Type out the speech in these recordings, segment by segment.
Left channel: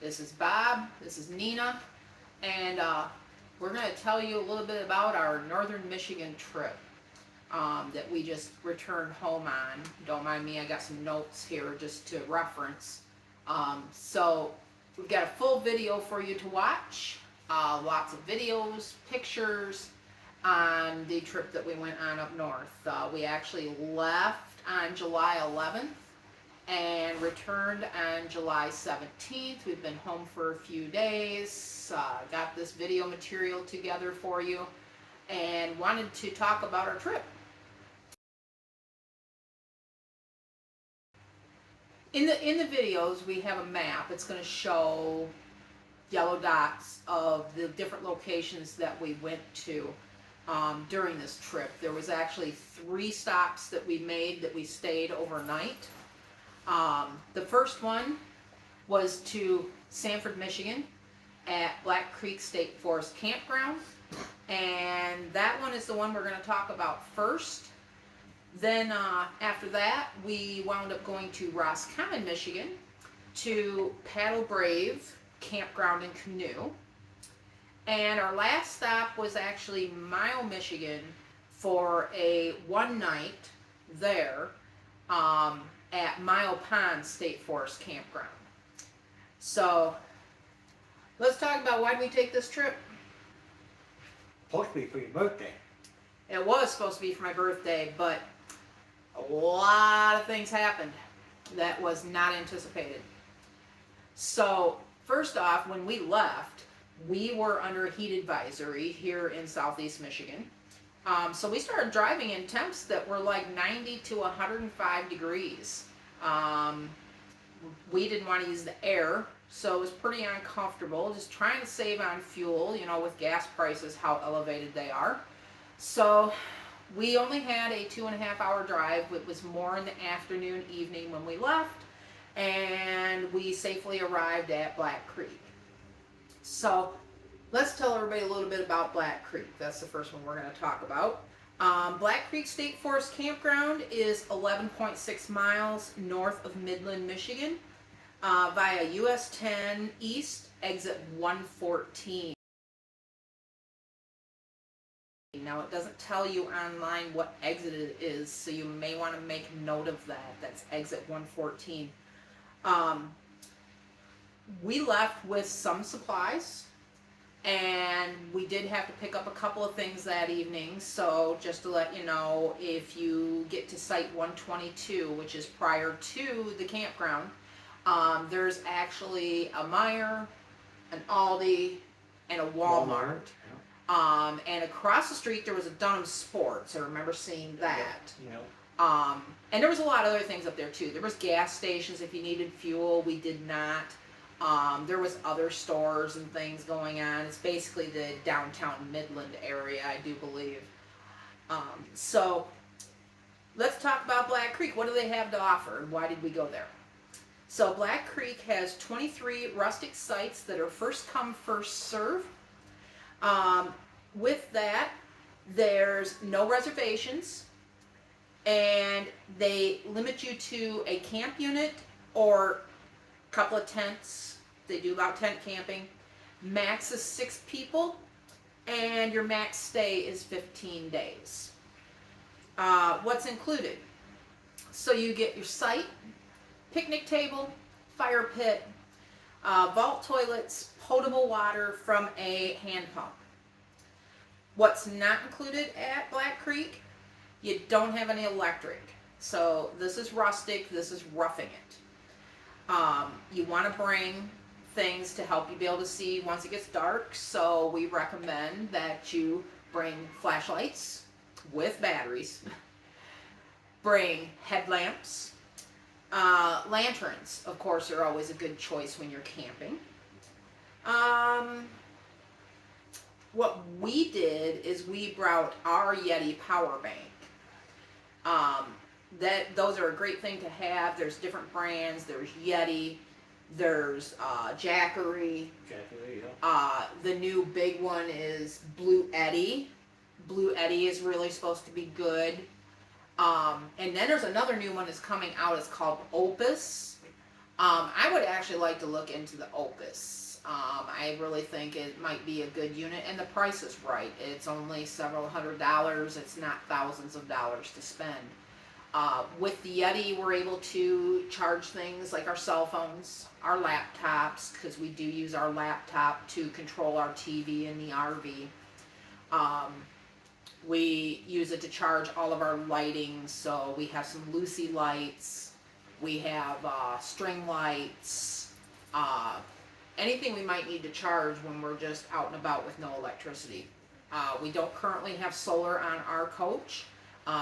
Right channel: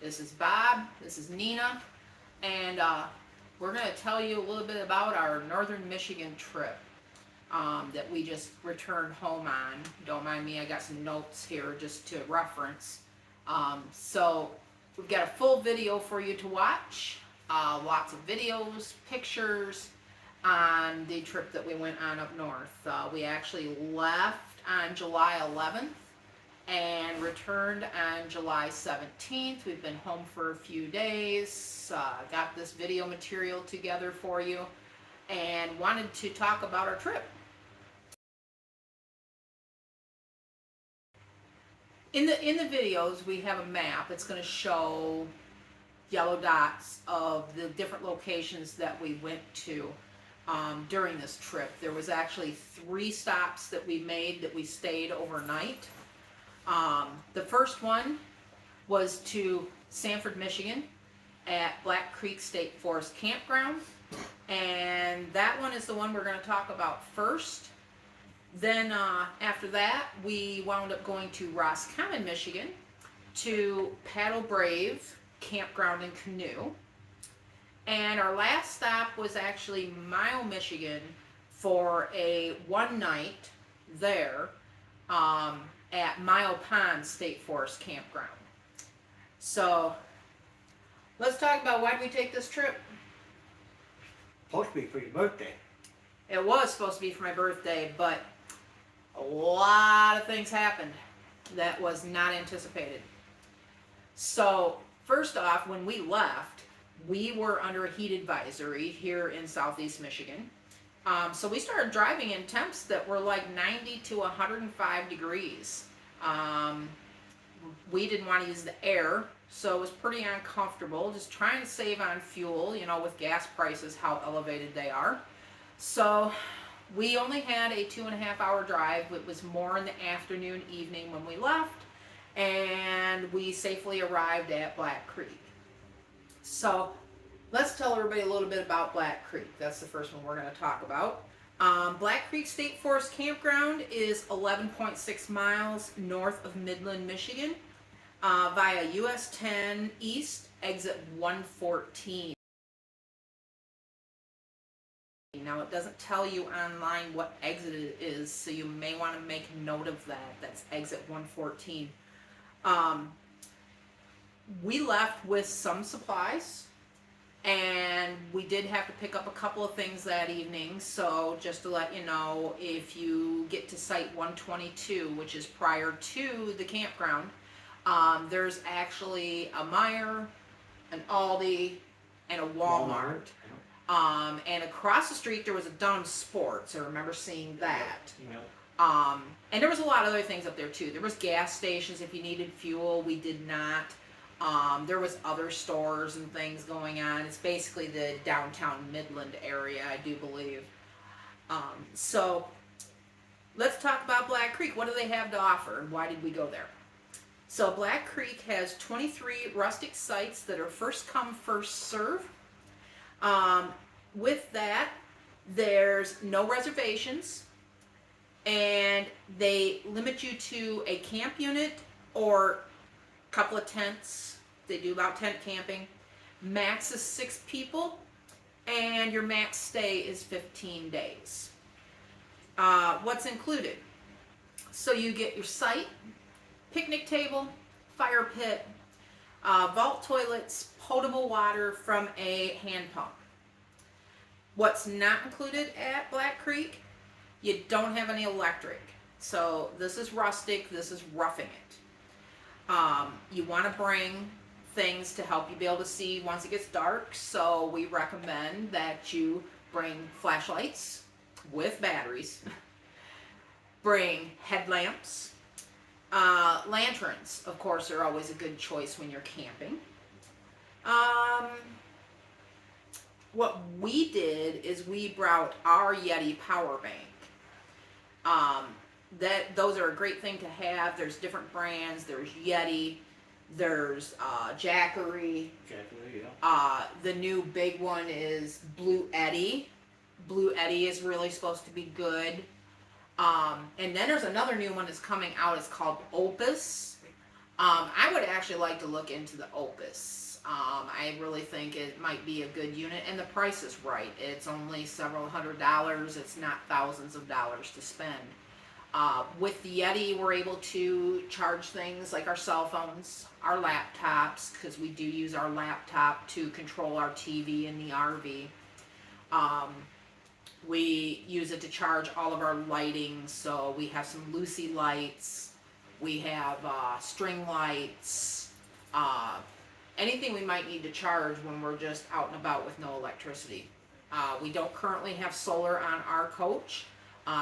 This is Bob, this is Nina, and we're going to tell you a little bit about our northern Michigan trip that we just returned home on. Don't mind me, I got some notes here just to reference. So we've got a full video for you to watch, lots of videos, pictures on the trip that we went on up north. We actually left on July 11th and returned on July 17th. We've been home for a few days, got this video material together for you, and wanted to talk about our trip. In the videos, we have a map. It's going to show yellow dots of the different locations that we went to during this trip. There was actually 3 stops that we made that we stayed overnight. The first one was to Sanford, Michigan at Black Creek State Forest Campground, and that one is the one we're going to talk about first. Then after that, we wound up going to Roscommon, Michigan to Paddle Brave Campground and Canoe. And our last stop was actually Mile, Michigan for a one night there at Mile Pond State Forest Campground. So let's talk about why did we take this trip. Supposed to be for your birthday. It was supposed to be for my birthday, but a lot of things happened that was not anticipated. So first off, when we left, we were under a heat advisory here in southeast Michigan. So we started driving in temps that were like 90 to 105 degrees. We didn't want to use the air, so it was pretty uncomfortable, just trying to save on fuel, with gas prices, how elevated they are. So we only had a 2.5 hour drive. It was more in the afternoon, evening when we left, and we safely arrived at Black Creek. So let's tell everybody a little bit about Black Creek. That's the first one we're going to talk about. Black Creek State Forest Campground is 11.6 miles north of Midland, Michigan, via US 10 East, exit 114. Now, it doesn't tell you online what exit it is, so you may want to make note of that. That's exit 114. We left with some supplies, and we did have to pick up a couple of things that evening. So just to let you know, if you get to site 122, which is prior to the campground, there's actually a Meijer, an Aldi, and a Walmart. And across the street there was a Dunham Sports. I remember seeing that. Yep. And there was a lot of other things up there too. There was gas stations if you needed fuel. We did not. There was other stores and things going on. It's basically the downtown Midland area, I do believe. So let's talk about Black Creek. What do they have to offer, and why did we go there? So Black Creek has 23 rustic sites that are first come, first serve. With that, there's no reservations, and they limit you to a camp unit or a couple of tents. They do about tent camping. Max is 6 people, and your max stay is 15 days. What's included? So you get your site, picnic table, fire pit, vault toilets, potable water from a hand pump. What's not included at Black Creek? You don't have any electric. So this is rustic, this is roughing it. You want to bring things to help you be able to see once it gets dark, so we recommend that you bring flashlights with batteries, bring headlamps, lanterns, of course, are always a good choice when you're camping. What we did is we brought our Yeti power bank. Those are a great thing to have. There's different brands. There's Yeti. There's Jackery. Yeah. The new big one is Blue Yeti. Blue Yeti is really supposed to be good. And then there's another new one that's coming out. It's called Opus. I would actually like to look into the Opus. I really think it might be a good unit, and the price is right. It's only several $100s. It's not thousands of dollars to spend. With the Yeti, we're able to charge things like our cell phones, our laptops, because we do use our laptop to control our TV in the RV. We use it to charge all of our lighting, so we have some Luci Lights, we have string lights, anything we might need to charge when we're just out and about with no electricity. We don't currently have solar on our coach.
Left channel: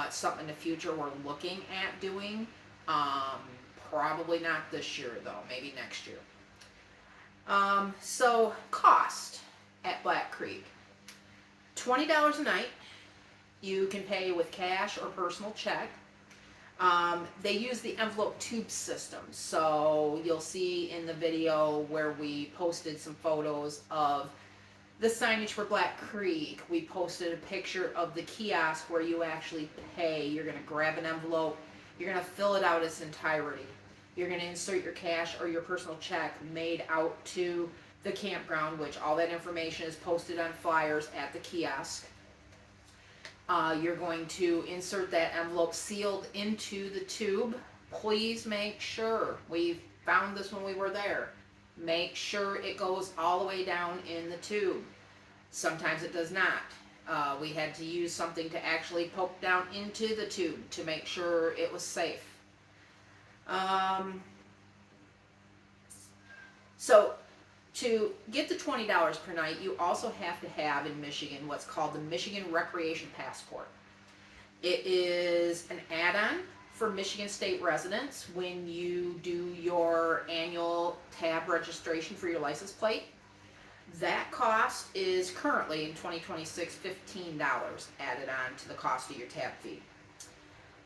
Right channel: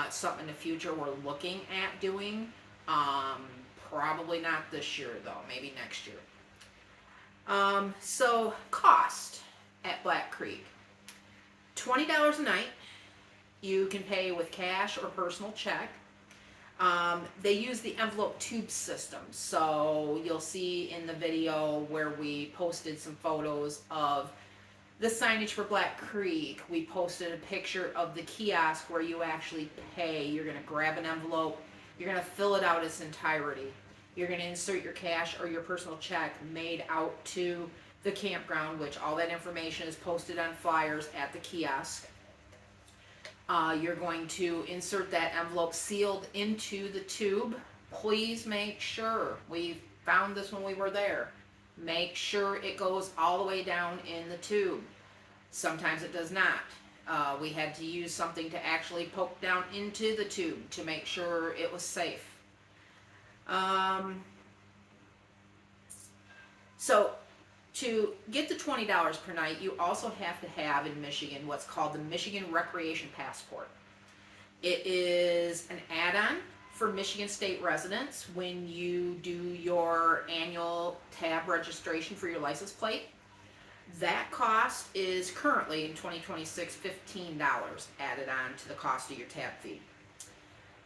It's something in the future we're looking at doing. Probably not this year though, maybe next year. So cost at Black Creek, $20 a night. You can pay with cash or personal check. They use the envelope tube system, so you'll see in the video where we posted some photos of the signage for Black Creek. We posted a picture of the kiosk where you actually pay. You're going to grab an envelope, you're going to fill it out its entirety. You're going to insert your cash or your personal check made out to the campground, which all that information is posted on flyers at the kiosk. You're going to insert that envelope sealed into the tube. Please make sure, we found this when we were there, make sure it goes all the way down in the tube. Sometimes it does not. We had to use something to actually poke down into the tube to make sure it was safe. So to get the $20 per night, you also have to have in Michigan what's called the Michigan Recreation Passport. It is an add-on for Michigan State residents when you do your annual tab registration for your license plate. That cost is currently in 2026 $15 added on to the cost of your tab fee.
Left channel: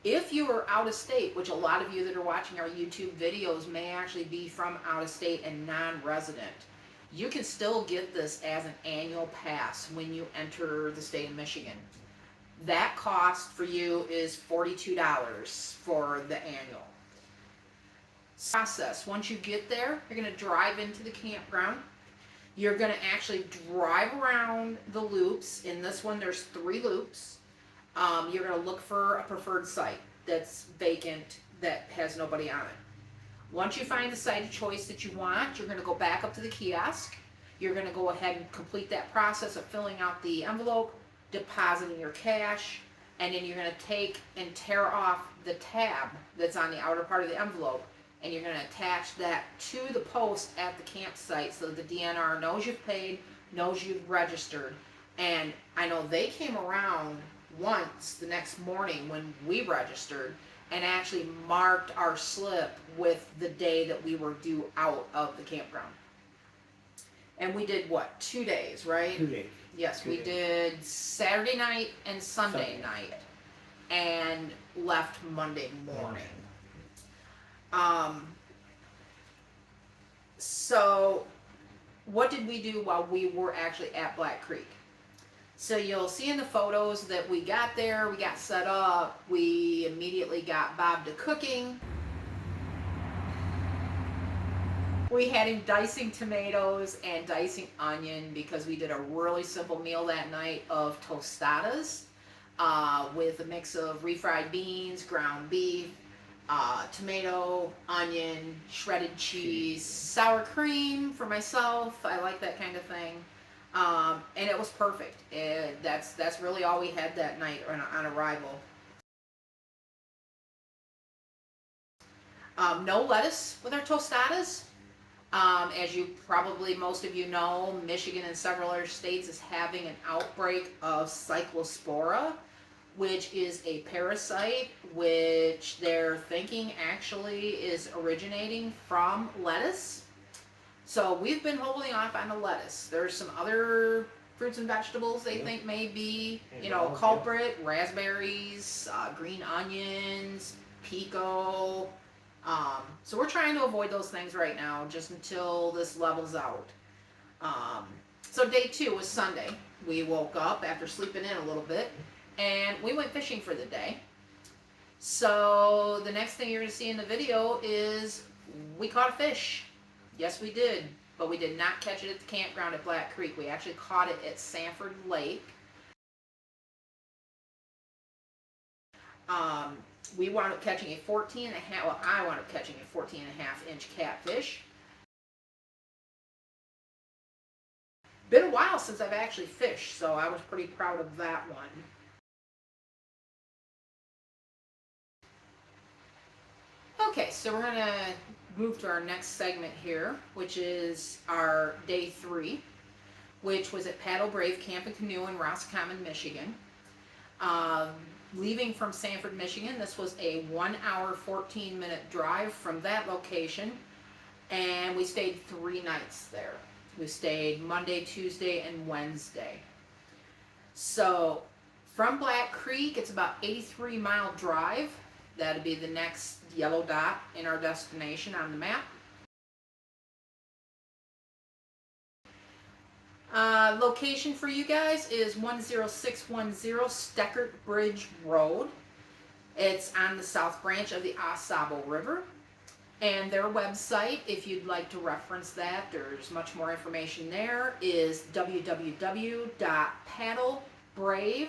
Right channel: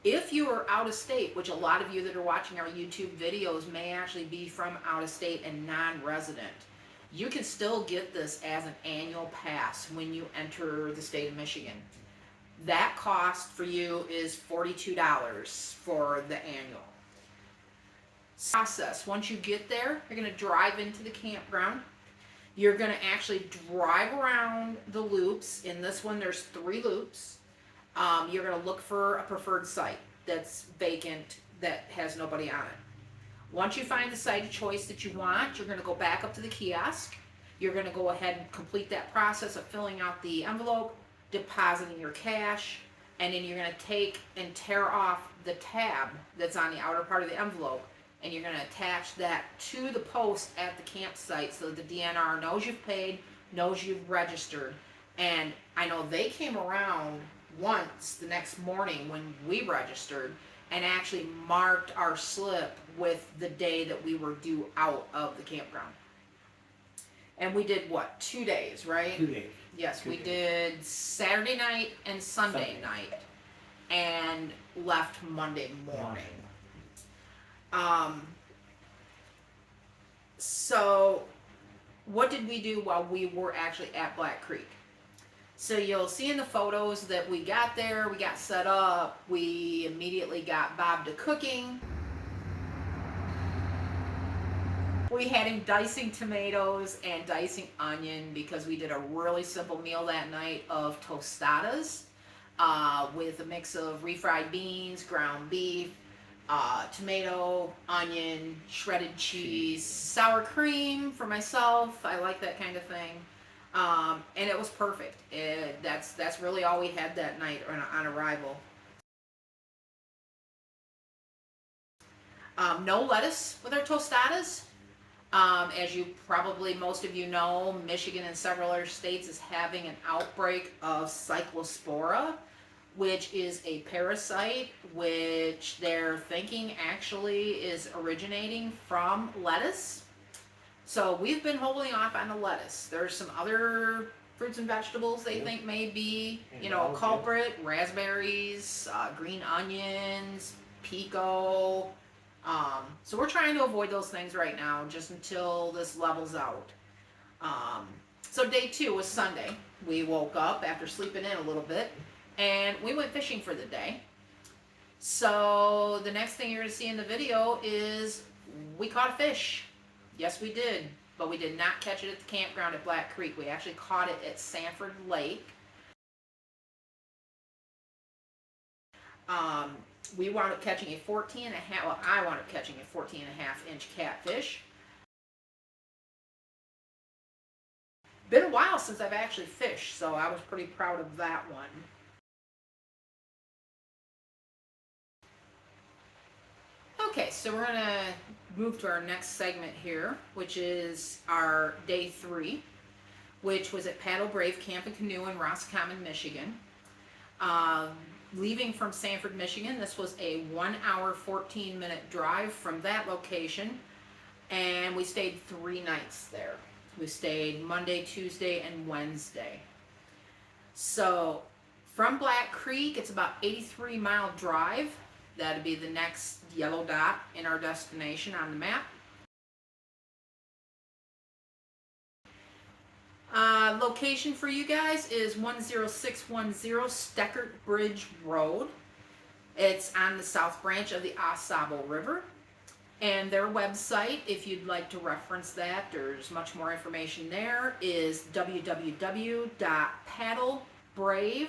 If you are out of state, which a lot of you that are watching our YouTube videos may actually be from out of state and non-resident, you can still get this as an annual pass when you enter the state of Michigan. That cost for you is $42 for the annual. Process. Once you get there, you're going to drive into the campground. You're going to actually drive around the loops. In this one, there's 3 loops. You're going to look for a preferred site that's vacant, that has nobody on it. Once you find the site of choice that you want, you're going to go back up to the kiosk. You're going to go ahead and complete that process of filling out the envelope, depositing your cash, and then you're going to take and tear off the tab that's on the outer part of the envelope, and you're going to attach that to the post at the campsite so that the DNR knows you've paid, knows you've registered. And I know they came around once the next morning when we registered and actually marked our slip with the day that we were due out of the campground. And we did what, 2 days, right? 2 days. Yes, 2 we days. did Saturday night and Sunday night, and left Monday morning. So what did we do while we were actually at Black Creek? So you'll see in the photos that we got there, we got set up, we immediately got Bob to cooking. We had him dicing tomatoes and dicing onion because we did a really simple meal that night of tostadas with a mix of refried beans, ground beef, tomato, onion, shredded cheese, sour cream for myself. I like that kind of thing. And it was perfect. That's really all we had that night on arrival. No lettuce with our tostadas. As you probably, most of you know, Michigan and several other states is having an outbreak of cyclospora, which is a parasite which they're thinking actually is originating from lettuce. So we've been holding off on the lettuce. There's some other fruits and vegetables they think may be, you know, a culprit. Raspberries, green onions, pico. So we're trying to avoid those things right now just until this levels out. So day 2 was Sunday. We woke up after sleeping in a little bit and we went fishing for the day. So the next thing you're going to see in the video is we caught a fish. Yes, we did. But we did not catch it at the campground at Black Creek. We actually caught it at Sanford Lake. We wound up catching a 14 and a half, well, I wound up catching a 14 and a half inch catfish. Been a while since I've actually fished, so I was pretty proud of that one. Okay, so we're gonna move to our next segment here, which is our day 3, which was at Paddle Brave Camp and Canoe in Roscommon, Michigan. Leaving from Sanford, Michigan, this was a 1 hour, 14-minute drive from that location, and we stayed 3 nights there. We stayed Monday, Tuesday, and Wednesday. So from Black Creek, it's about 83-mile drive. That'd be the next yellow dot in our destination on the map. Location for you guys is 10610 Steckert Bridge Road. It's on the south branch of the Au River. And their website, if you'd like to reference that, there's much more information there, is www.paddlebrave,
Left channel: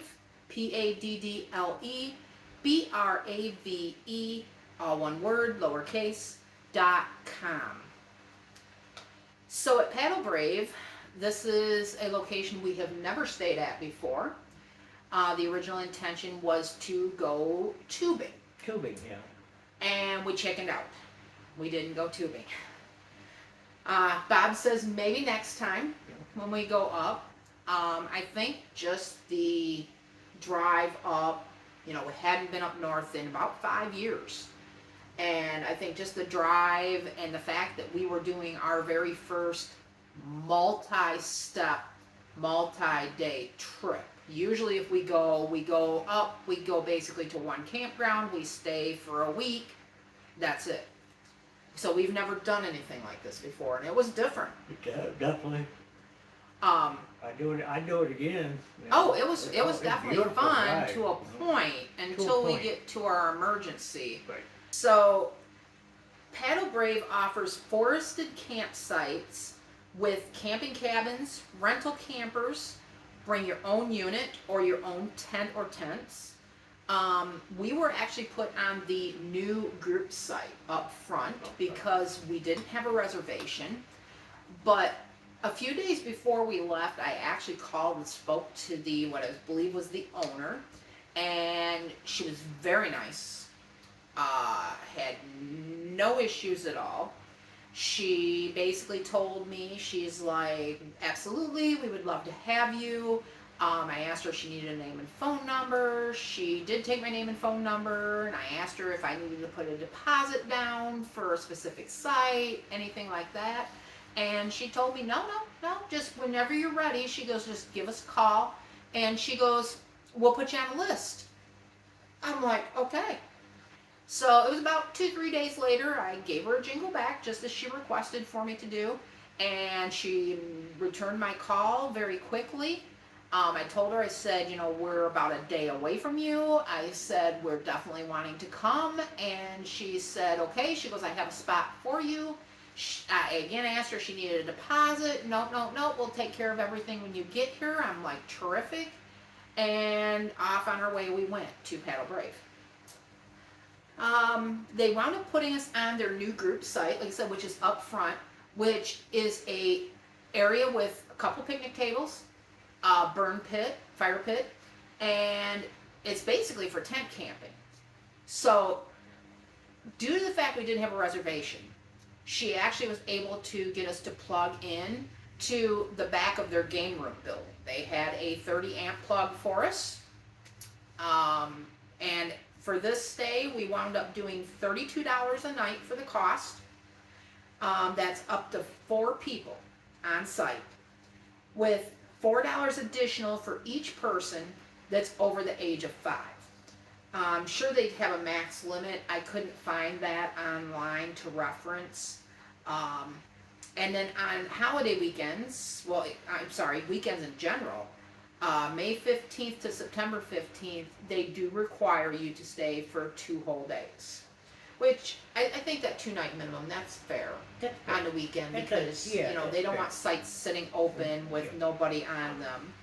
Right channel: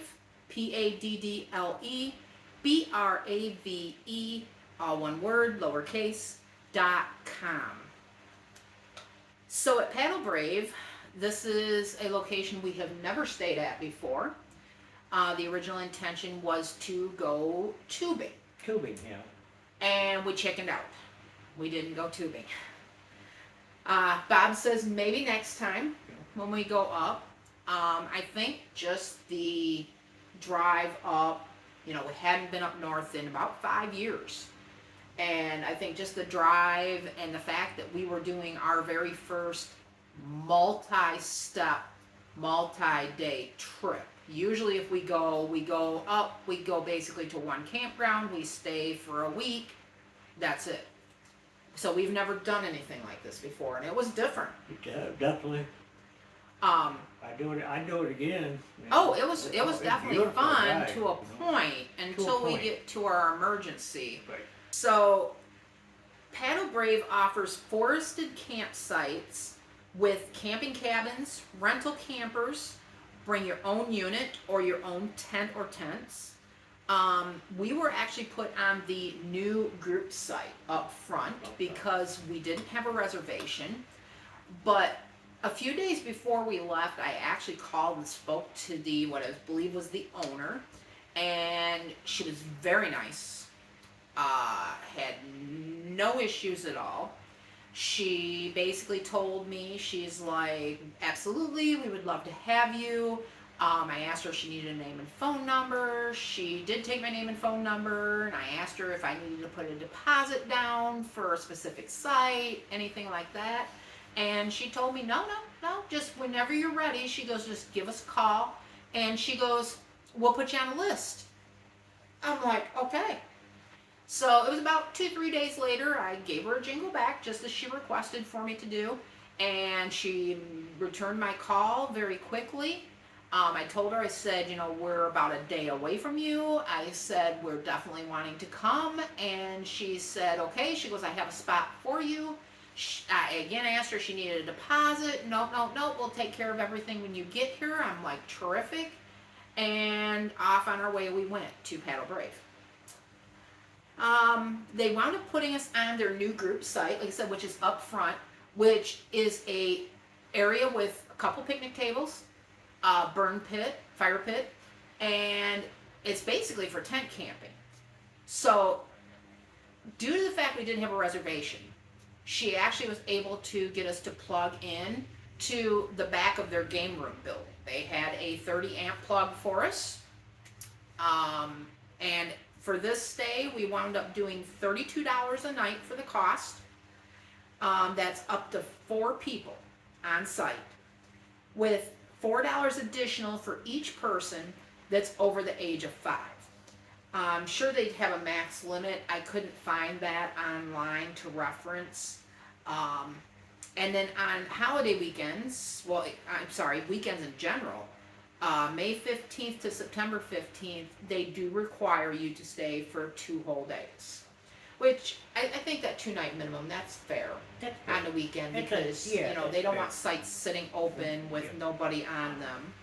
PADDLEBRAVE, all one word, lowercase, .com. So at Paddle Brave, this is a location we have never stayed at before. The original intention was to go tubing. Tubing, yeah. And we chickened out. We didn't go tubing. Bob says maybe next time when we go up. I think just the drive up, we hadn't been up north in about 5 years. And I think just the drive and the fact that we were doing our very first multi-step, multi-day trip. Usually if we go up, we go basically to one campground, we stay for a week, that's it. So we've never done anything like this before, and it was different. Definitely. I'd do it again. Oh, it was definitely fun ride, to a point until we get to our emergency. Right. So Paddle Brave offers forested campsites with camping cabins, rental campers, bring your own unit or your own tent or tents. We were actually put on the new group site up front because we didn't have a reservation. But a few days before we left, I actually called and spoke to what I believe was the owner, and she was very nice. Had no issues at all. She basically told me, she's like, absolutely, we would love to have you. I asked her if she needed a name and phone number. She did take my name and phone number, and I asked her if I needed to put a deposit down for a specific site, anything like that. And she told me, no, just whenever you're ready. She goes, just give us a call. And she goes, we'll put you on a list. I'm like, okay. So it was about 2-3 days later, I gave her a jingle back, just as she requested for me to do. And she returned my call very quickly. I told her, I said, we're about a day away from you. I said, we're definitely wanting to come. And she said, okay. She goes, I have a spot for you. I again asked her if she needed a deposit. No, we'll take care of everything when you get here. I'm like, terrific. And off on our way we went to Paddle Brave. They wound up putting us on their new group site, like I said, which is up front, which is a area with a couple picnic tables, burn pit, fire pit, and it's basically for tent camping. So due to the fact we didn't have a reservation, she actually was able to get us to plug in to the back of their game room building. They had a 30 amp plug for us. And for this stay, we wound up doing $32 a night for the cost. That's up to 4 people on site, with $4 additional for each person that's over the age of 5. I'm sure they have a max limit. I couldn't find that online to reference. And then on holiday weekends, weekends in general, May 15th to September 15th, they do require you to stay for 2 whole days. Which I think that 2-night minimum, that's fair That's on the weekend That's because yeah, you know that's they don't fair. want sites sitting open with Yeah. nobody on them.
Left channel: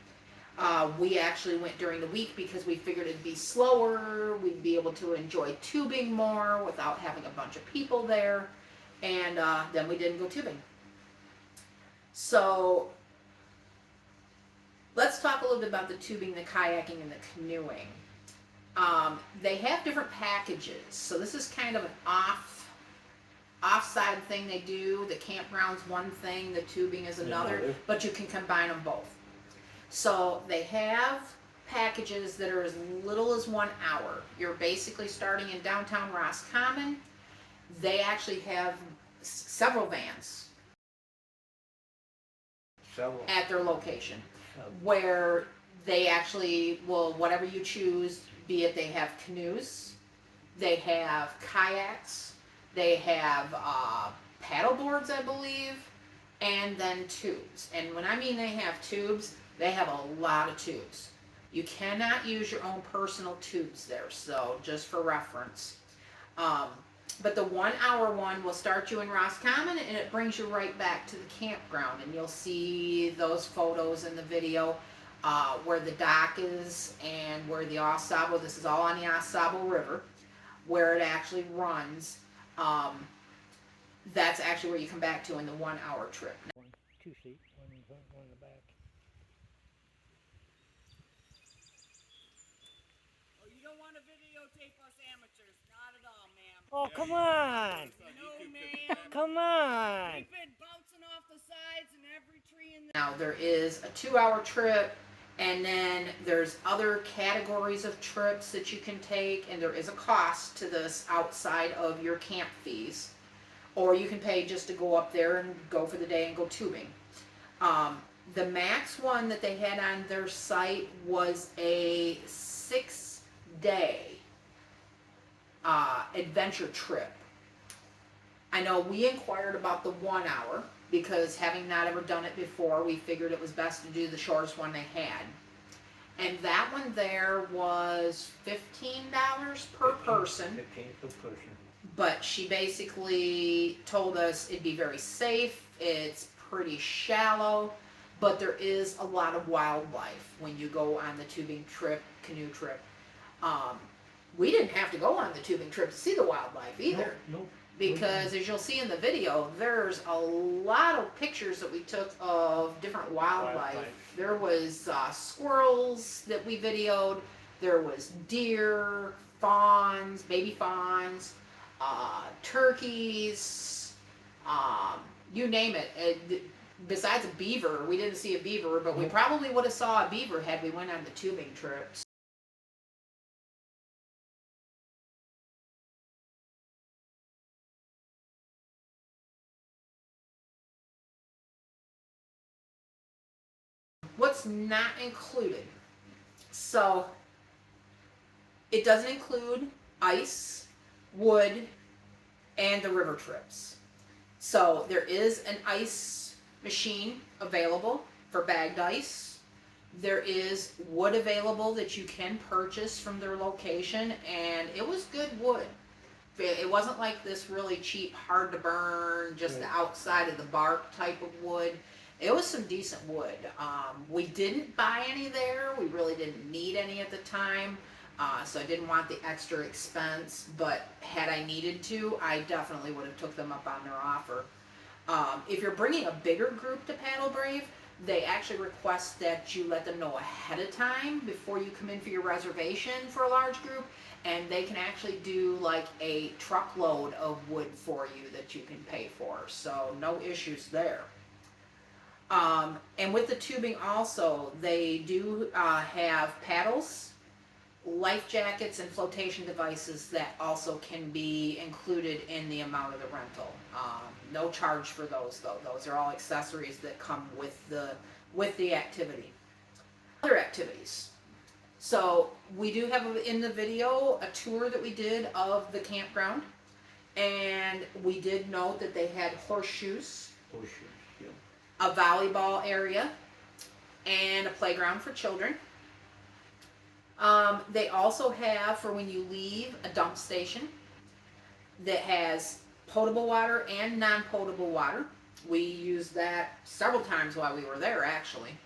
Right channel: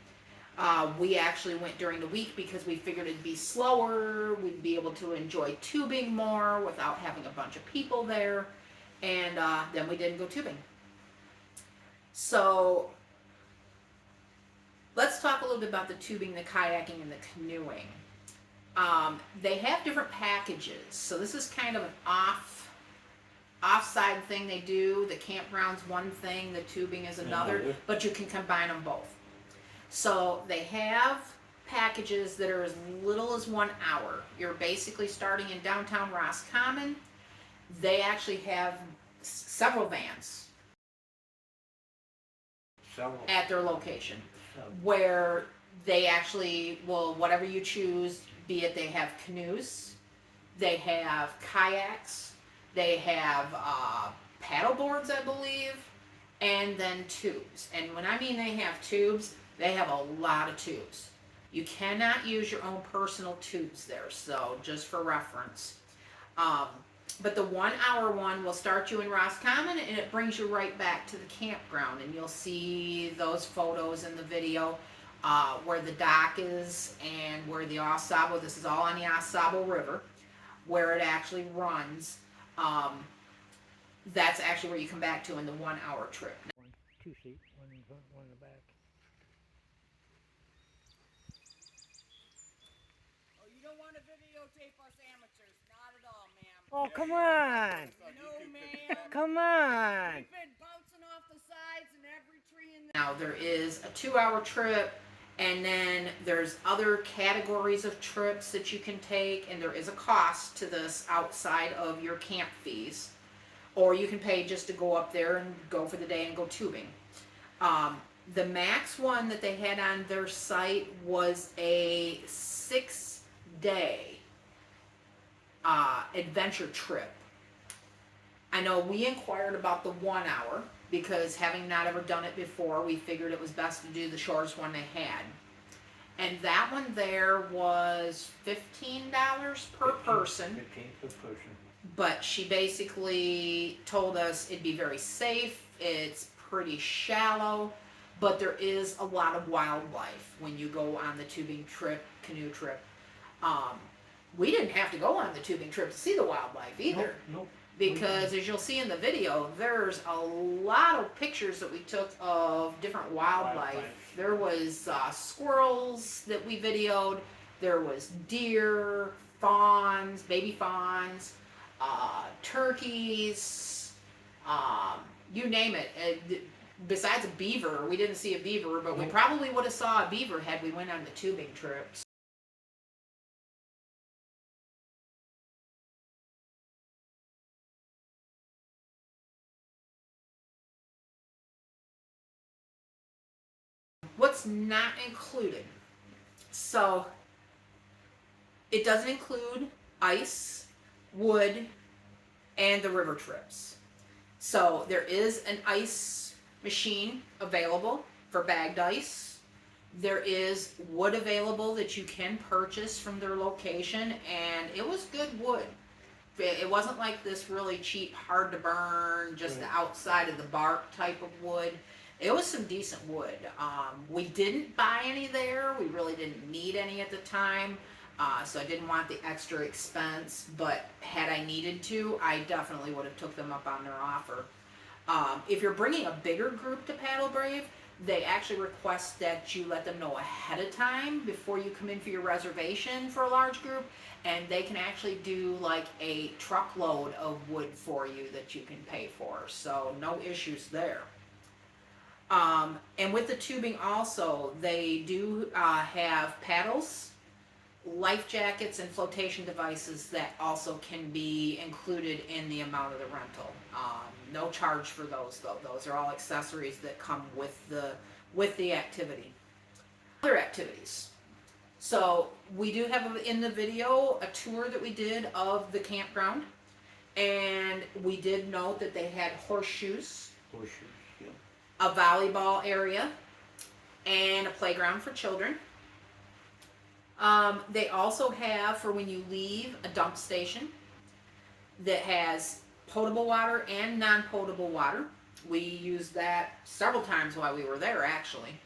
We actually went during the week because we figured it'd be slower. We'd be able to enjoy tubing more without having a bunch of people there, and then we didn't go tubing. So let's talk a little bit about the tubing, the kayaking, and the canoeing. They have different packages, so this is kind of an offside thing they do. The campground's one thing, the tubing is another, but you can combine them both. So they have packages that are as little as 1 hour. You're basically starting in downtown Roscommon. They actually have several vans at their location where they actually will, whatever you choose, be it they have canoes, they have kayaks, they have paddle boards, I believe, and then tubes. And when I mean they have tubes, they have a lot of tubes. You cannot use your own personal tubes there, so just for reference. But the 1 hour one will start you in Roscommon and it brings you right back to the campground. And you'll see those photos in the video where the dock is and where the Osabo, this is all on the Osabo River, where it actually runs. That's actually where you come back to in the 1 hour trip. 2 feet, one in front, one in the back. Oh, you don't want to videotape us amateurs? Not at all, ma'am. Oh, come on! No, ma'am. Come on! We've been bouncing off the sides and every tree in the... Now there is a 2 hour trip, and then there's other categories of trips that you can take, and there is a cost to this outside of your camp fees. Or you can pay just to go up there and go for the day and go tubing. The max one that they had on their site was a 6-day adventure trip. I know we inquired about the 1 hour because having not ever done it before, we figured it was best to do the shortest one they had. And that one there was $15 per person. 15 per person. But she basically told us it'd be very safe, it's pretty shallow, but there is a lot of wildlife when you go on the tubing trip, canoe trip. We didn't have to go on the tubing trip to see the wildlife either. Nope. Because as you'll see in the video, there's a lot of pictures that we took of different wildlife. There was squirrels that we videoed, there was deer, fawns, baby fawns, turkeys, you name it. Besides a beaver, we didn't see a beaver, but we probably would have saw a beaver had we went on the tubing trips. What's not included? So it doesn't include ice, wood, and the river trips. So there is an ice machine available for bagged ice. There is wood available that you can purchase from their location, and it was good wood. It wasn't like this really cheap, hard to burn, just the outside of the bark type of wood. It was some decent wood. We didn't buy any there. We really didn't need any at the time. So I didn't want the extra expense, but had I needed to, I definitely would have took them up on their offer. If you're bringing a bigger group to Paddle Brave, they actually request that you let them know ahead of time before you come in for your reservation for a large group, and they can actually do like a truckload of wood for you that you can pay for, so no issues there. And with the tubing also, they do have paddles, life jackets, and flotation devices that also can be included in the amount of the rental. No charge for those though. Those are all accessories that come with the activity. Other activities. So we do have in the video a tour that we did of the campground, and we did note that they had horseshoes. A volleyball area, and a playground for children. They also have, for when you leave, a dump station. that has potable water and non-potable water. We used that several times while we were there, actually.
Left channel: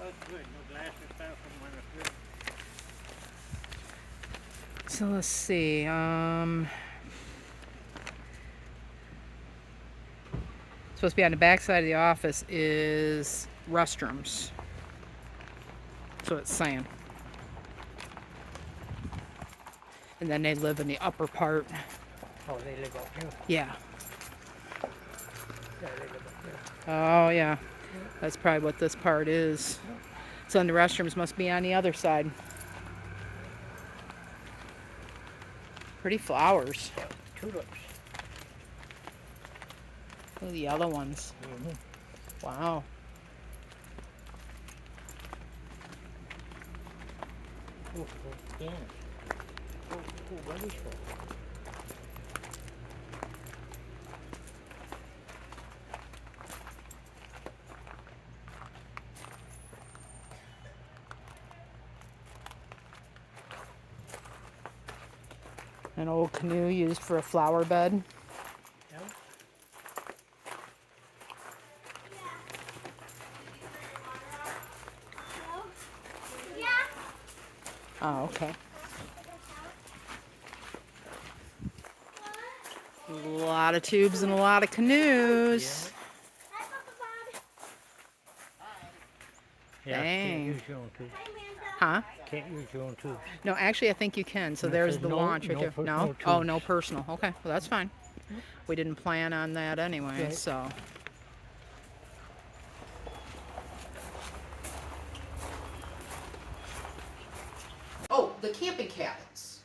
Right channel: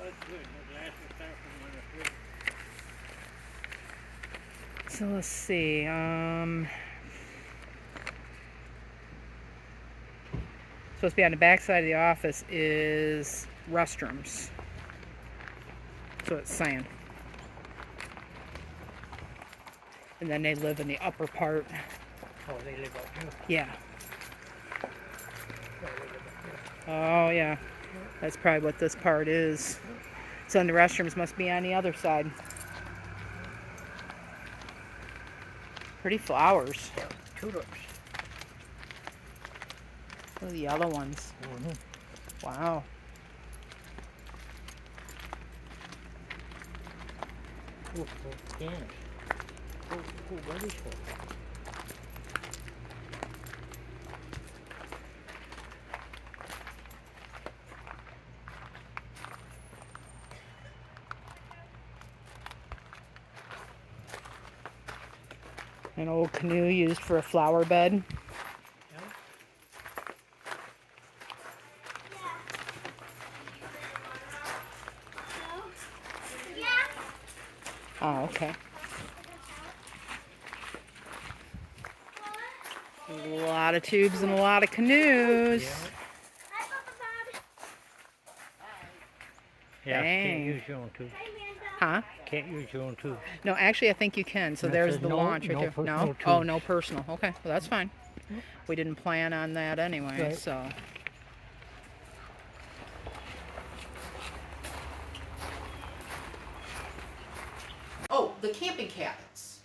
That's good. No glass is far from my foot. So let's see. Supposed to be on the back side of the office is restrooms. So it's saying. And then they live in the upper part. Oh, they live up here. Yeah. Yeah, they live up here. Oh, yeah. That's probably what this part is. So then the restrooms must be on the other side. Pretty flowers. Tulips. Look at the yellow ones. Mm-hmm. Wow. Oh, yeah. Oh, what is that? An old canoe used for a flower bed. Oh, okay. A lot of tubes and a lot of canoes. Yeah, Dang. can't use your own too. Huh? Can't use your own too. No, actually, I think you can. So And it there's says the no- launch right no there. personal No? Oh, tubes. no personal. Okay, well, that's fine. We didn't plan on that anyway, Right. so. Oh, the camping cabins.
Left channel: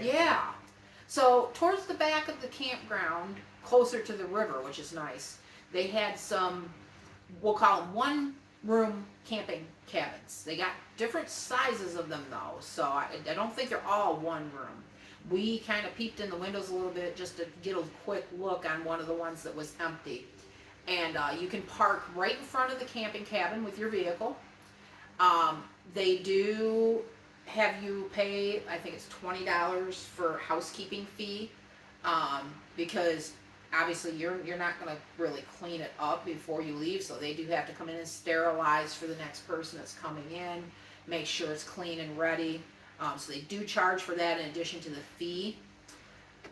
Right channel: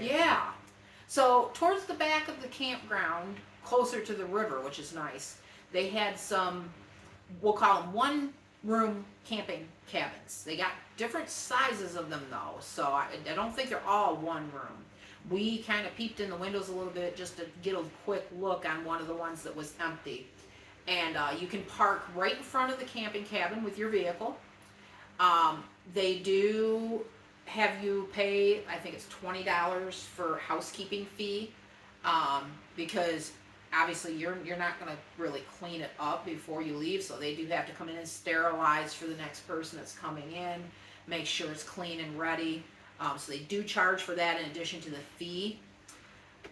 Yeah. So towards the back of the campground, closer to the river, which is nice, they had some, we'll call them one-room camping cabins. They got different sizes of them though, so I don't think they're all one room. We kind of peeped in the windows a little bit just to get a quick look on one of the ones that was empty. And you can park right in front of the camping cabin with your vehicle. They do have you pay, I think it's $20 for housekeeping fee, because obviously you're not going to really clean it up before you leave, so they do have to come in and sterilize for the next person that's coming in, make sure it's clean and ready. So they do charge for that in addition to the fee.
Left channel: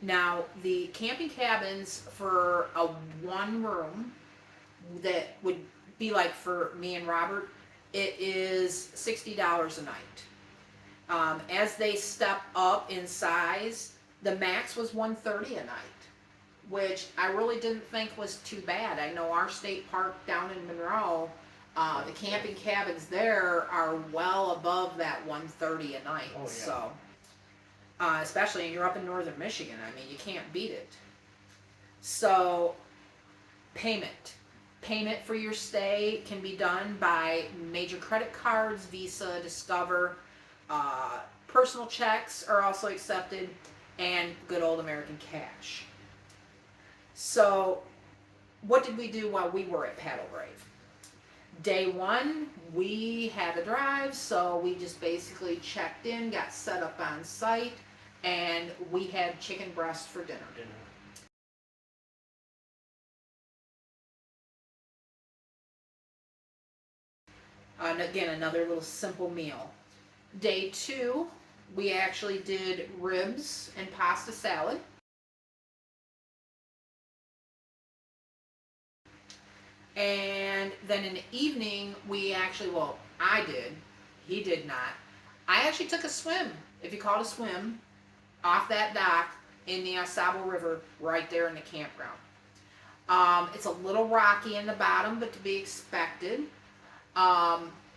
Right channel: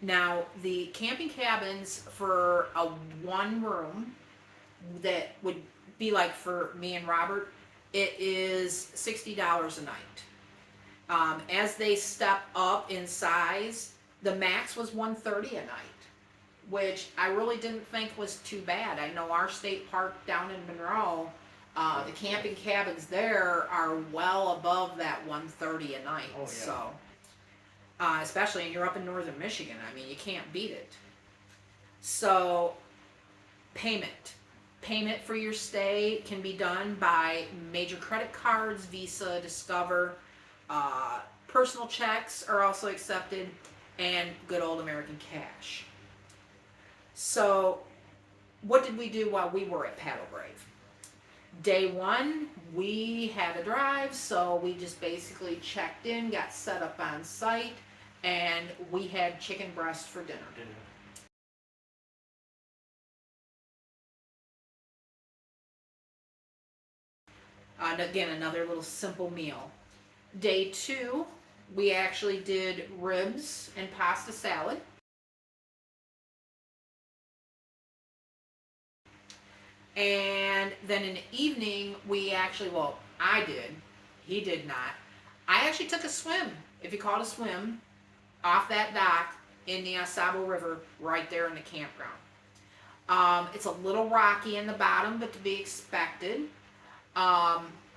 Now, the camping cabins for a one room that would be like for me and Robert, it is $60 a night. As they step up in size, the max was $130 a night, which I really didn't think was too bad. I know our state park down in Monroe, the camping cabins there are well above that $130 a night. Oh, yeah. So, especially when you're up in northern Michigan, I mean, you can't beat it. So, payment for your stay can be done by major credit cards, Visa, Discover. Personal checks are also accepted, and good old American cash. So, what did we do while we were at Paddle Brave? Day one, we had a drive, so we just basically checked in, got set up on site, and we had chicken breast for dinner. And again, another little simple meal. Day two, we actually did ribs and pasta salad. And then in the evening, we actually, well, I did. He did not. I actually took a swim if you call to swim, off that dock in the Sabo River, right there in the campground. It's a little rocky in the bottom, but to be expected.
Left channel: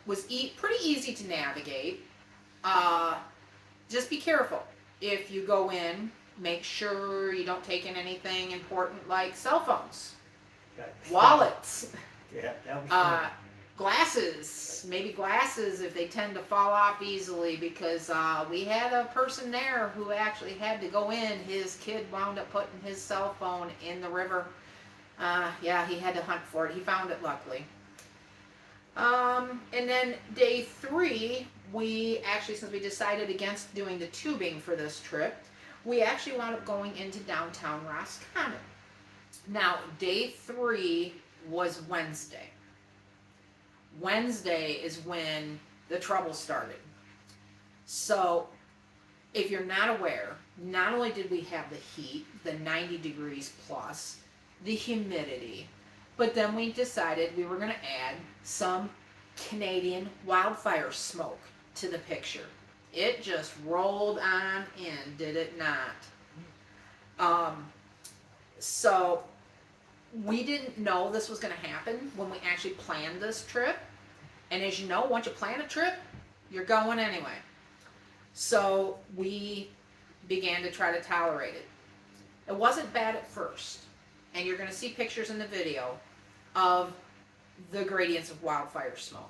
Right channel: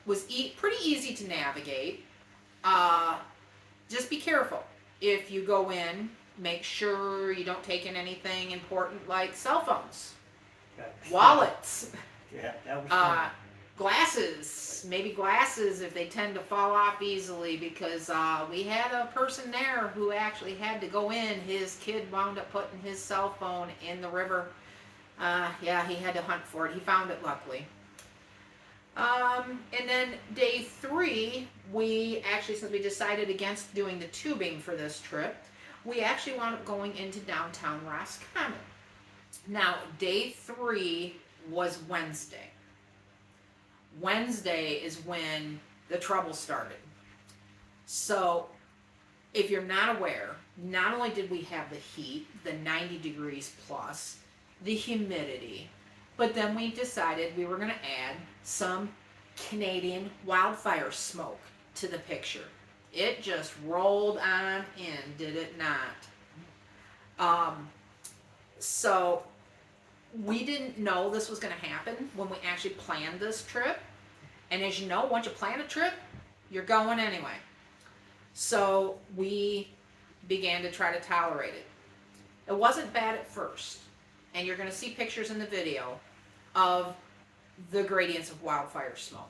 Was pretty easy to navigate. Just be careful. If you go in, make sure you don't take in anything important like cell phones, wallets, Yeah, that was fun. glasses, maybe glasses if they tend to fall off easily, because we had a person there who actually had to go in. His kid wound up putting his cell phone in the river. Yeah, he had to hunt for it. He found it luckily. And then day 3, we actually, since we decided against doing the tubing for this trip, we actually wound up going into downtown Roscommon. Now, day 3 was Wednesday. Wednesday is when the trouble started. So, if you're not aware, not only did we have the heat, the 90 degrees plus, the humidity, but then we decided we were going to add some Canadian wildfire smoke to the picture. It just rolled on in, did it not? So we didn't know this was going to happen when we actually planned this trip. And as you know, once you plan a trip, you're going anyway. So we began to try to tolerate it. It wasn't bad at first. And you're going to see pictures in the video of the gradients of wildfire smoke.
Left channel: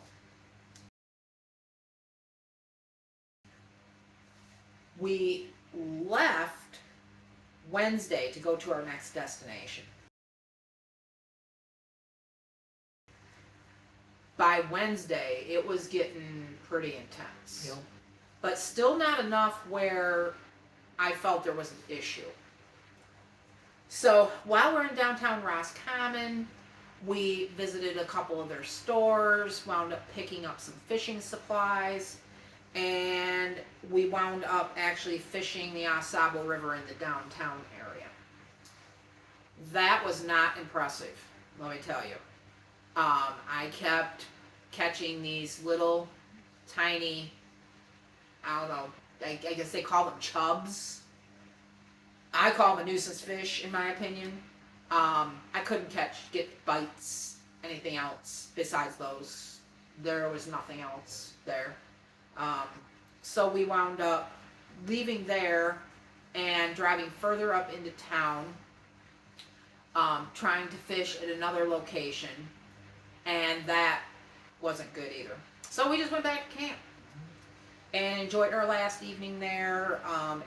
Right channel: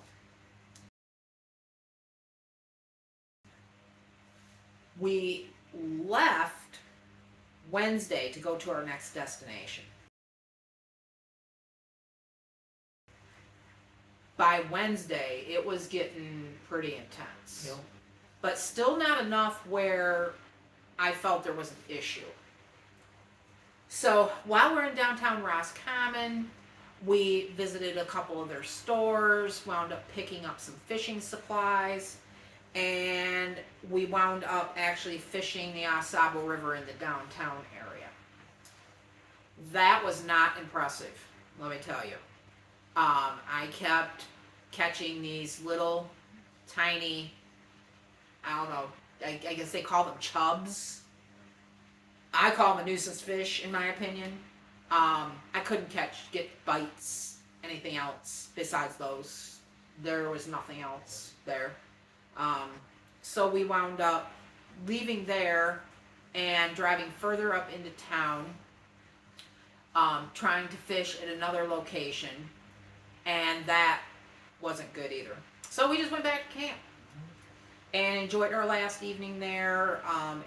We left Wednesday to go to our next destination. By Wednesday, it was getting pretty intense. Yep. But still not enough where I felt there was an issue. So while we're in downtown Roscommon, we visited a couple of their stores, wound up picking up some fishing supplies, and we wound up actually fishing the Sabo River in the downtown area. That was not impressive, let me tell you. I kept catching these little tiny, I don't know, I guess they call them chubs. I call them a nuisance fish, in my opinion. I couldn't get bites, anything else besides those. There was nothing else there. So we wound up leaving there and driving further up into town, trying to fish at another location, and that wasn't good either. So we just went back to camp and enjoyed our last evening there,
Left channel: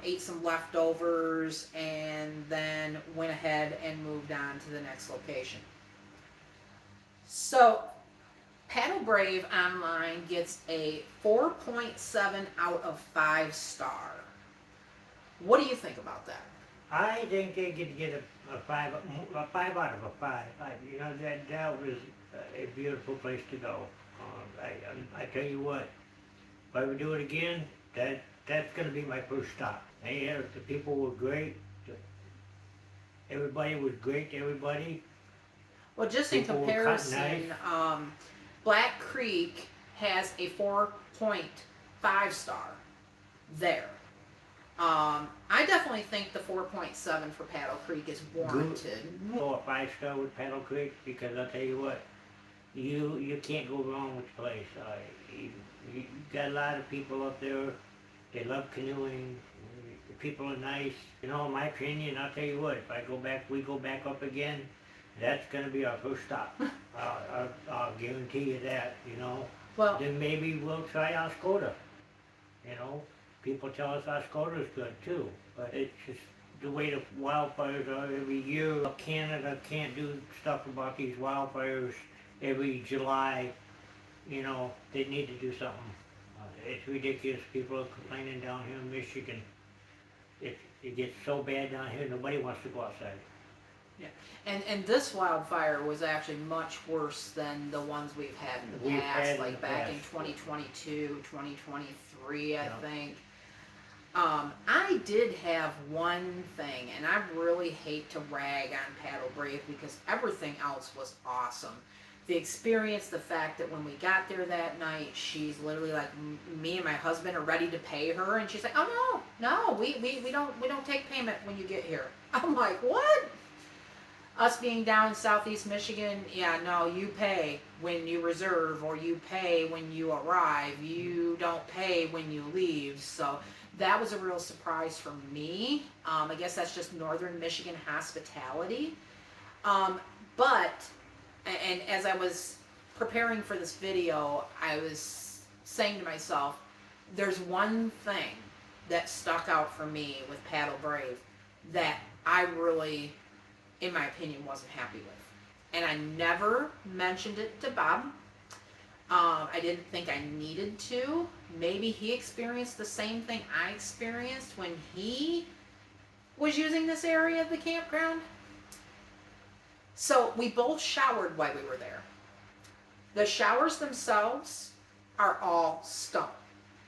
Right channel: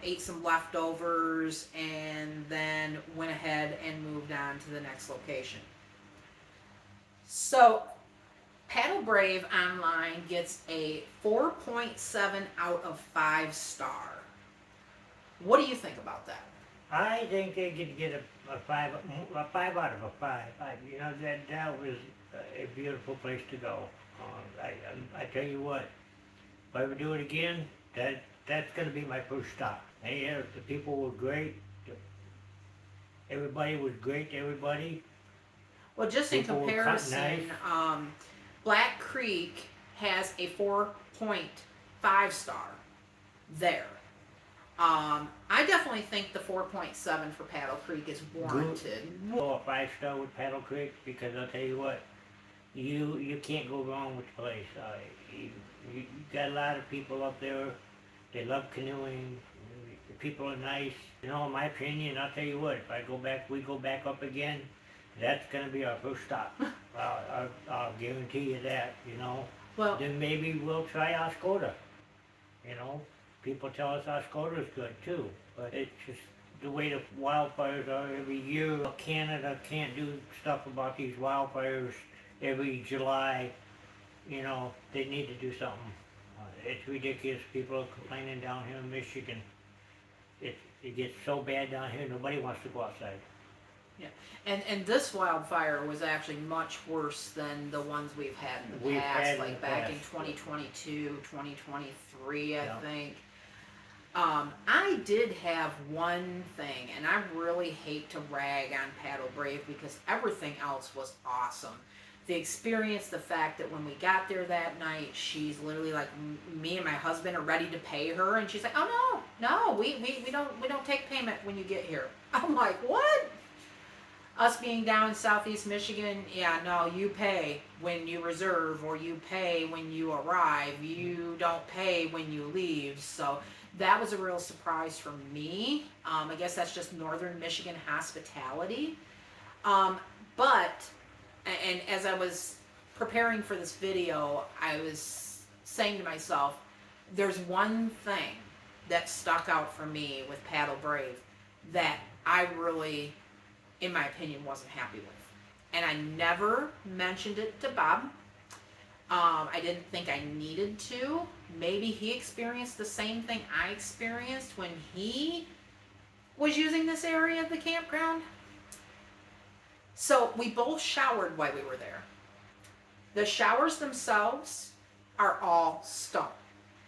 ate some leftovers, and then went ahead and moved on to the next location. So, Paddle Brave Online gets a 4.7 out of 5 star. What do you think about that? I think they could get a 5 out of a 5. You know, that was a beautiful place to go. I tell you what, if I ever do it again, that's going to be my first stop. And the people were great. Everybody was great to everybody. Well, just in People were comparison, nice. Black Creek has a 4.5 star there. I definitely think the 4.7 for Paddle Creek is warranted. Go a 5-star with Paddle Creek, because I'll tell you what, you can't go wrong with the place. You got a lot of people up there. They love canoeing. The people are nice. You know, in my opinion, I'll tell you what, if we go back up again, that's going to be our first stop. I'll guarantee you that, you know. Well, Then maybe we'll try Oscoda. You know, people tell us Oscoda's good too, but it's just the way the wildfires are every year. Canada can't do stuff about these wildfires every July. You know, they need to do something. It's ridiculous. People are complaining down here in Michigan. It gets so bad down here, nobody wants to go outside. yeah, and this wildfire was actually much worse than the ones we've had in the We've past, had in like the back in past. 2022, 2023, I Yeah. think. I did have one thing, and I really hate to rag on Paddle Brave because everything else was awesome. the experience, the fact that when we got there that night, she's literally like, me and my husband are ready to pay her, and she's like, oh no, we don't take payment when you get here. I'm like, what? Us being down in southeast Michigan, yeah, no, you pay when you reserve, or you pay when you arrive. You don't pay when you leave. So that was a real surprise for me. I guess that's just northern Michigan hospitality. But, and as I was preparing for this video, I was saying to myself, there's one thing that stuck out for me with Paddle Brave that I really, in my opinion, wasn't happy with. And I never mentioned it to Bob. I didn't think I needed to. Maybe he experienced the same thing I experienced when he was using this area of the campground. So we both showered while we were there. The showers themselves are all stone.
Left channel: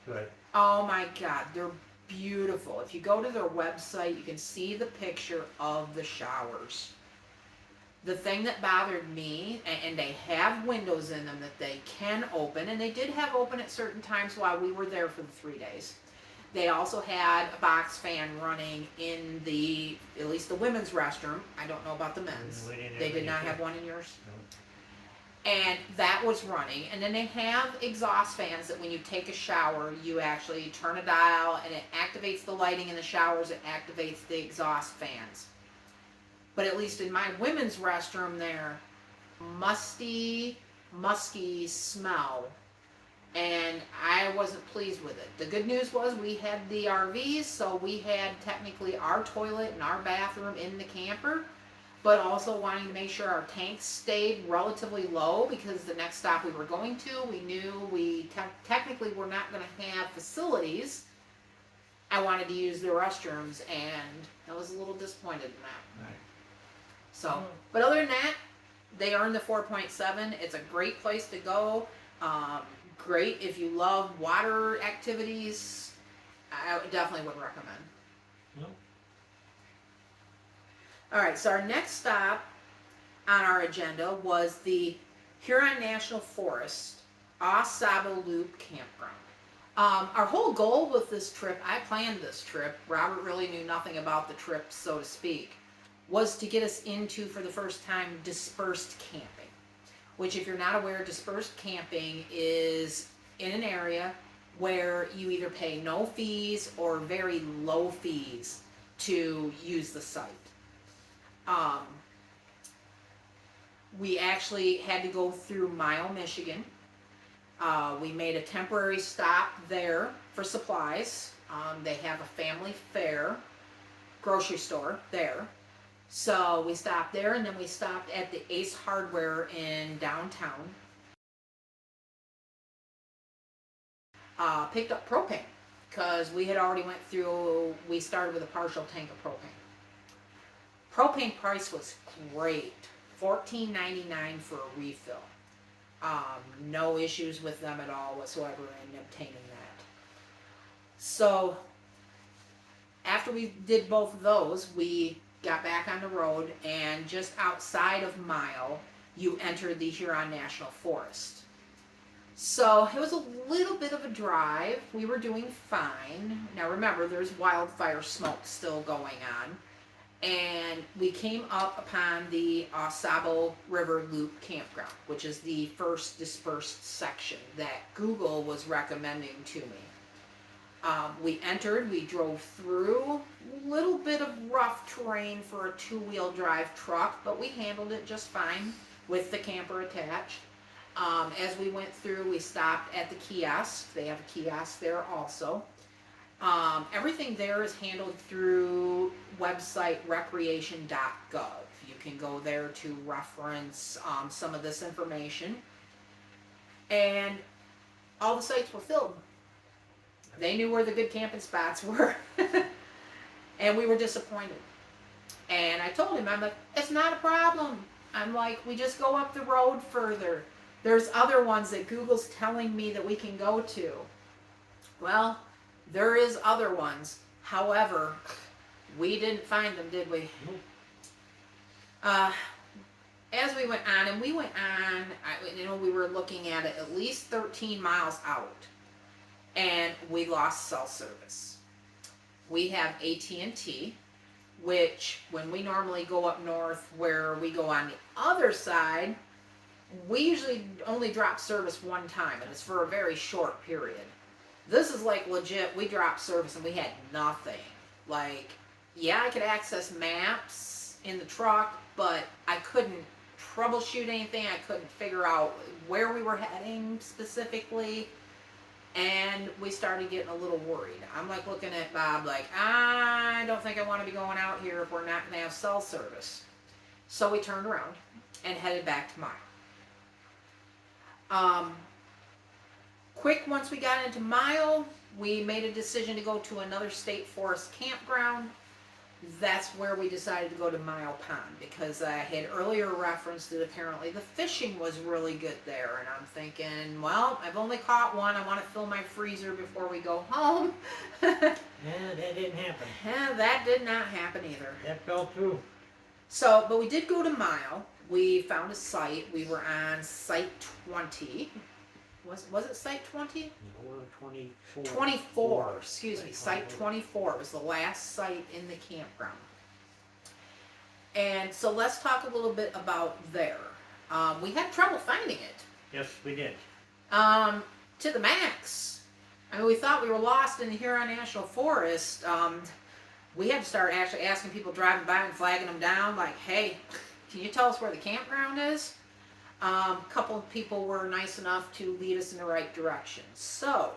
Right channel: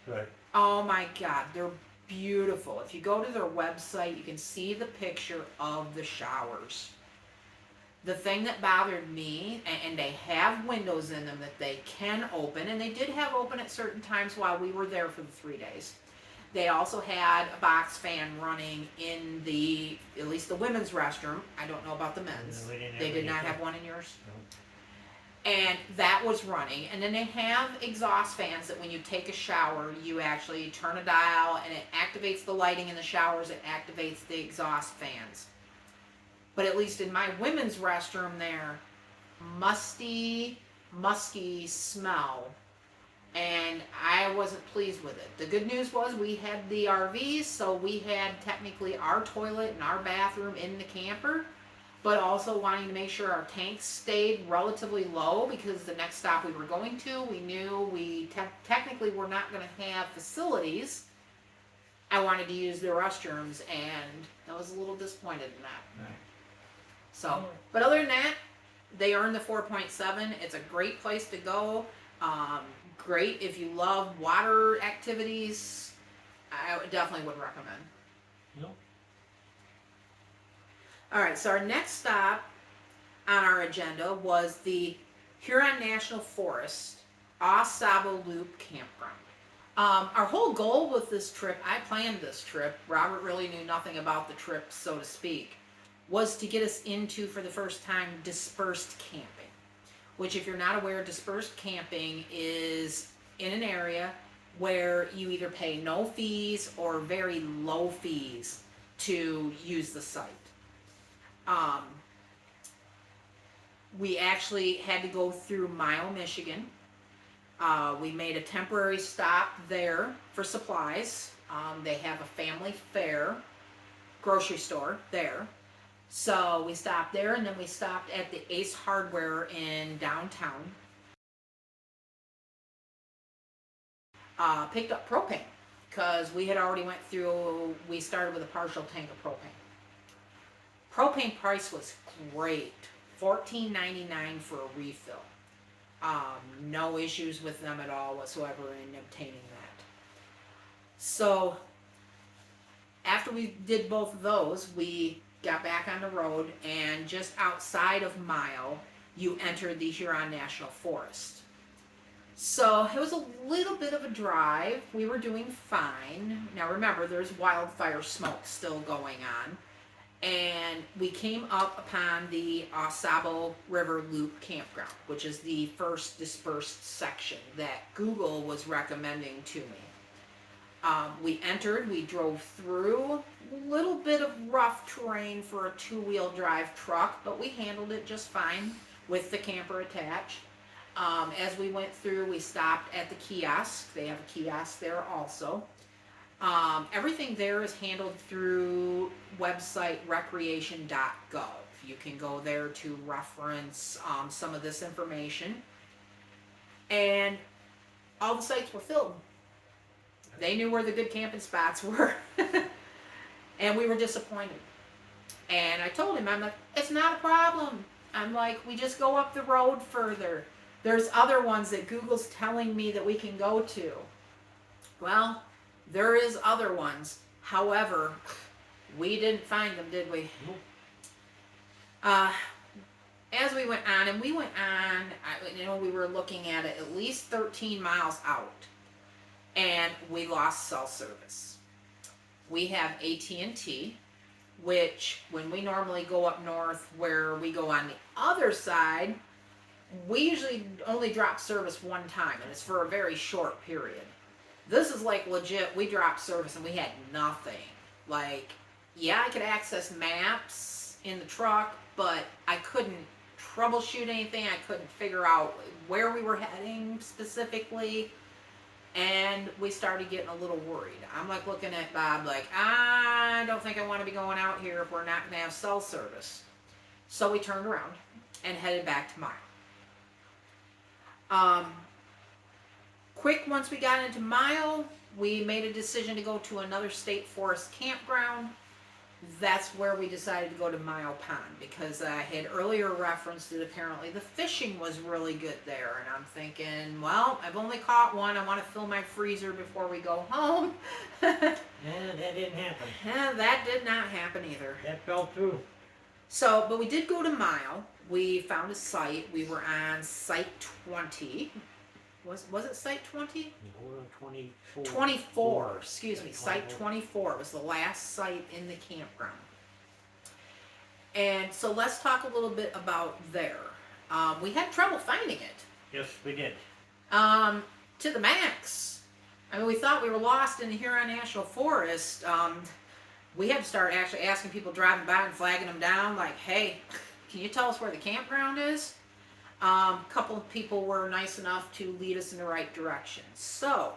Right. Oh my God, they're beautiful. If you go to their website, you can see the picture of the showers. The thing that bothered me, and they have windows in them that they can open, and they did have open at certain times while we were there for the 3 days. They also had a box fan running in the, at least the women's restroom. I don't know about the men's. No, we didn't have They did any not there. have one in yours? No. And that was running. And then they have exhaust fans that when you take a shower, you actually turn a dial and it activates the lighting in the showers, it activates the exhaust fans. But at least in my women's restroom there, musky smell. And I wasn't pleased with it. The good news was we had the RVs, so we had technically our toilet and our bathroom in the camper, but also wanting to make sure our tanks stayed relatively low, because the next stop we were going to, we knew we technically were not going to have facilities. I wanted to use the restrooms, and I was a little disappointed in that. Right. So, but other than that, they earned the 4.7. It's a great place to go. Great if you love water activities. I definitely would recommend. No. All right, so our next stop on our agenda was the Huron National Forest Osabo Loop Campground. Our whole goal with this trip, I planned this trip, Robert really knew nothing about the trip, so to speak, was to get us into, for the first time, dispersed camping. Which, if you're not aware, dispersed camping is in an area where you either pay no fees or very low fees to use the site. We actually had to go through Mile, Michigan. We made a temporary stop there for supplies. They have a family fair grocery store there. So we stopped there, and then we stopped at the Ace Hardware in downtown. Picked up propane, because we had already went through, we started with a partial tank of propane. Propane price was great, $14.99 for a refill. No issues with them at all whatsoever in obtaining that. So after we did both of those, we got back on the road, and just outside of Mile, you entered the Huron National Forest. So it was a little bit of a drive. We were doing fine. Now remember, there's wildfire smoke still going on. And we came up upon the Osabo River Loop Campground, which is the first dispersed section that Google was recommending to me. We entered, we drove through a little bit of rough terrain for a two-wheel drive truck, but we handled it just fine with the camper attached. As we went through, we stopped at the kiosk. They have a kiosk there also. Everything there is handled through website recreation.gov. You can go there to reference some of this information. And all the sites were filled. They knew where the good camping spots were. And we were disappointed. And I told him, I'm like, it's not a problem. I'm like, we just go up the road further. There's other ones that Google's telling me that we can go to. Well, there is other ones. However, we didn't find them, did we? Nope. as we went on, and we went on, we were looking at it at least 13 miles out, and we lost cell service. We have AT&T, which when we normally go up north where we go on the other side, we usually only drop service one time, and it's for a very short period. This is like legit, we dropped service and we had nothing. Like, yeah, I could access maps in the truck, but I couldn't troubleshoot anything. I couldn't figure out where we were heading specifically. And we started getting a little worried. I'm like looking at Bob like, I don't think I want to be going out here if we're not going to have cell service. So we turned around and headed back to Mile. Quick, once we got into Mile, we made a decision to go to another state forest campground. That's where we decided to go to Mile Pond, because I had earlier referenced that apparently the fishing was really good there. And I'm thinking, well, I've only caught one. I want to fill my freezer before we go home. Yeah, that didn't happen. That did not happen either. That fell through. So, but we did go to Mile. We found a site. We were on site 20. Was it site 20? No, 24. 24, excuse me, site 24. 24 was the last site in the campground. And so let's talk a little bit about there. We had trouble finding it. Yes, we did. To the max. I mean, we thought we were lost in the Huron National Forest. We had to start actually asking people driving by and flagging them down, like, hey, can you tell us where the campground is? A couple of people were nice enough to lead us in the right direction. So,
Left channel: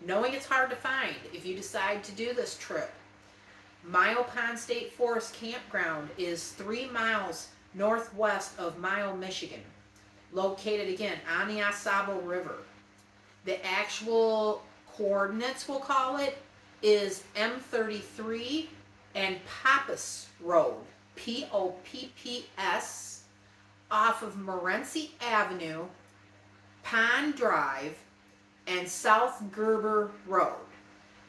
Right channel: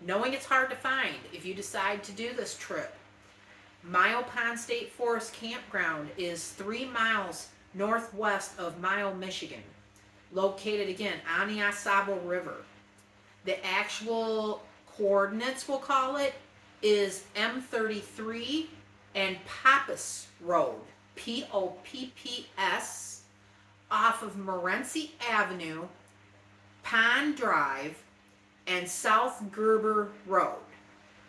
knowing it's hard to find, if you decide to do this trip, Mile Pond State Forest Campground is 3 miles northwest of Mile, Michigan, located again on the Osable River. The actual coordinates, we'll call it, is M33 and Pappas Road, Popps, off of Morenci Avenue, Pond Drive, and South Gerber Road.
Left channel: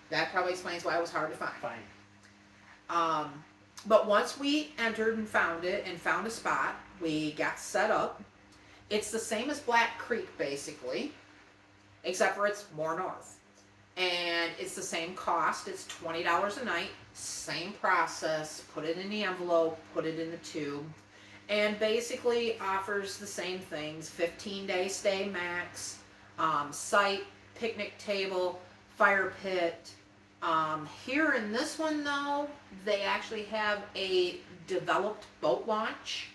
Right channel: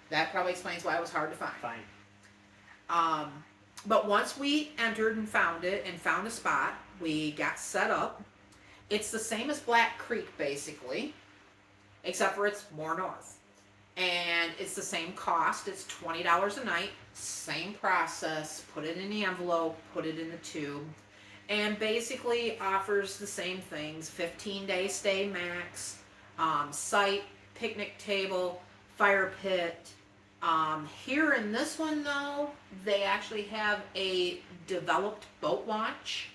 That probably explains why it was hard to find. Fine. But once we entered and found it and found a spot, we got set up. It's the same as Black Creek, basically, except for it's more north. And it's the same cost. It's $20 a night. Same process. Put it in the envelope, put it in the tube. And basically offers the same things: 15-day stay max, site, picnic table, fire pit. Here in this one though, they actually have a developed boat launch.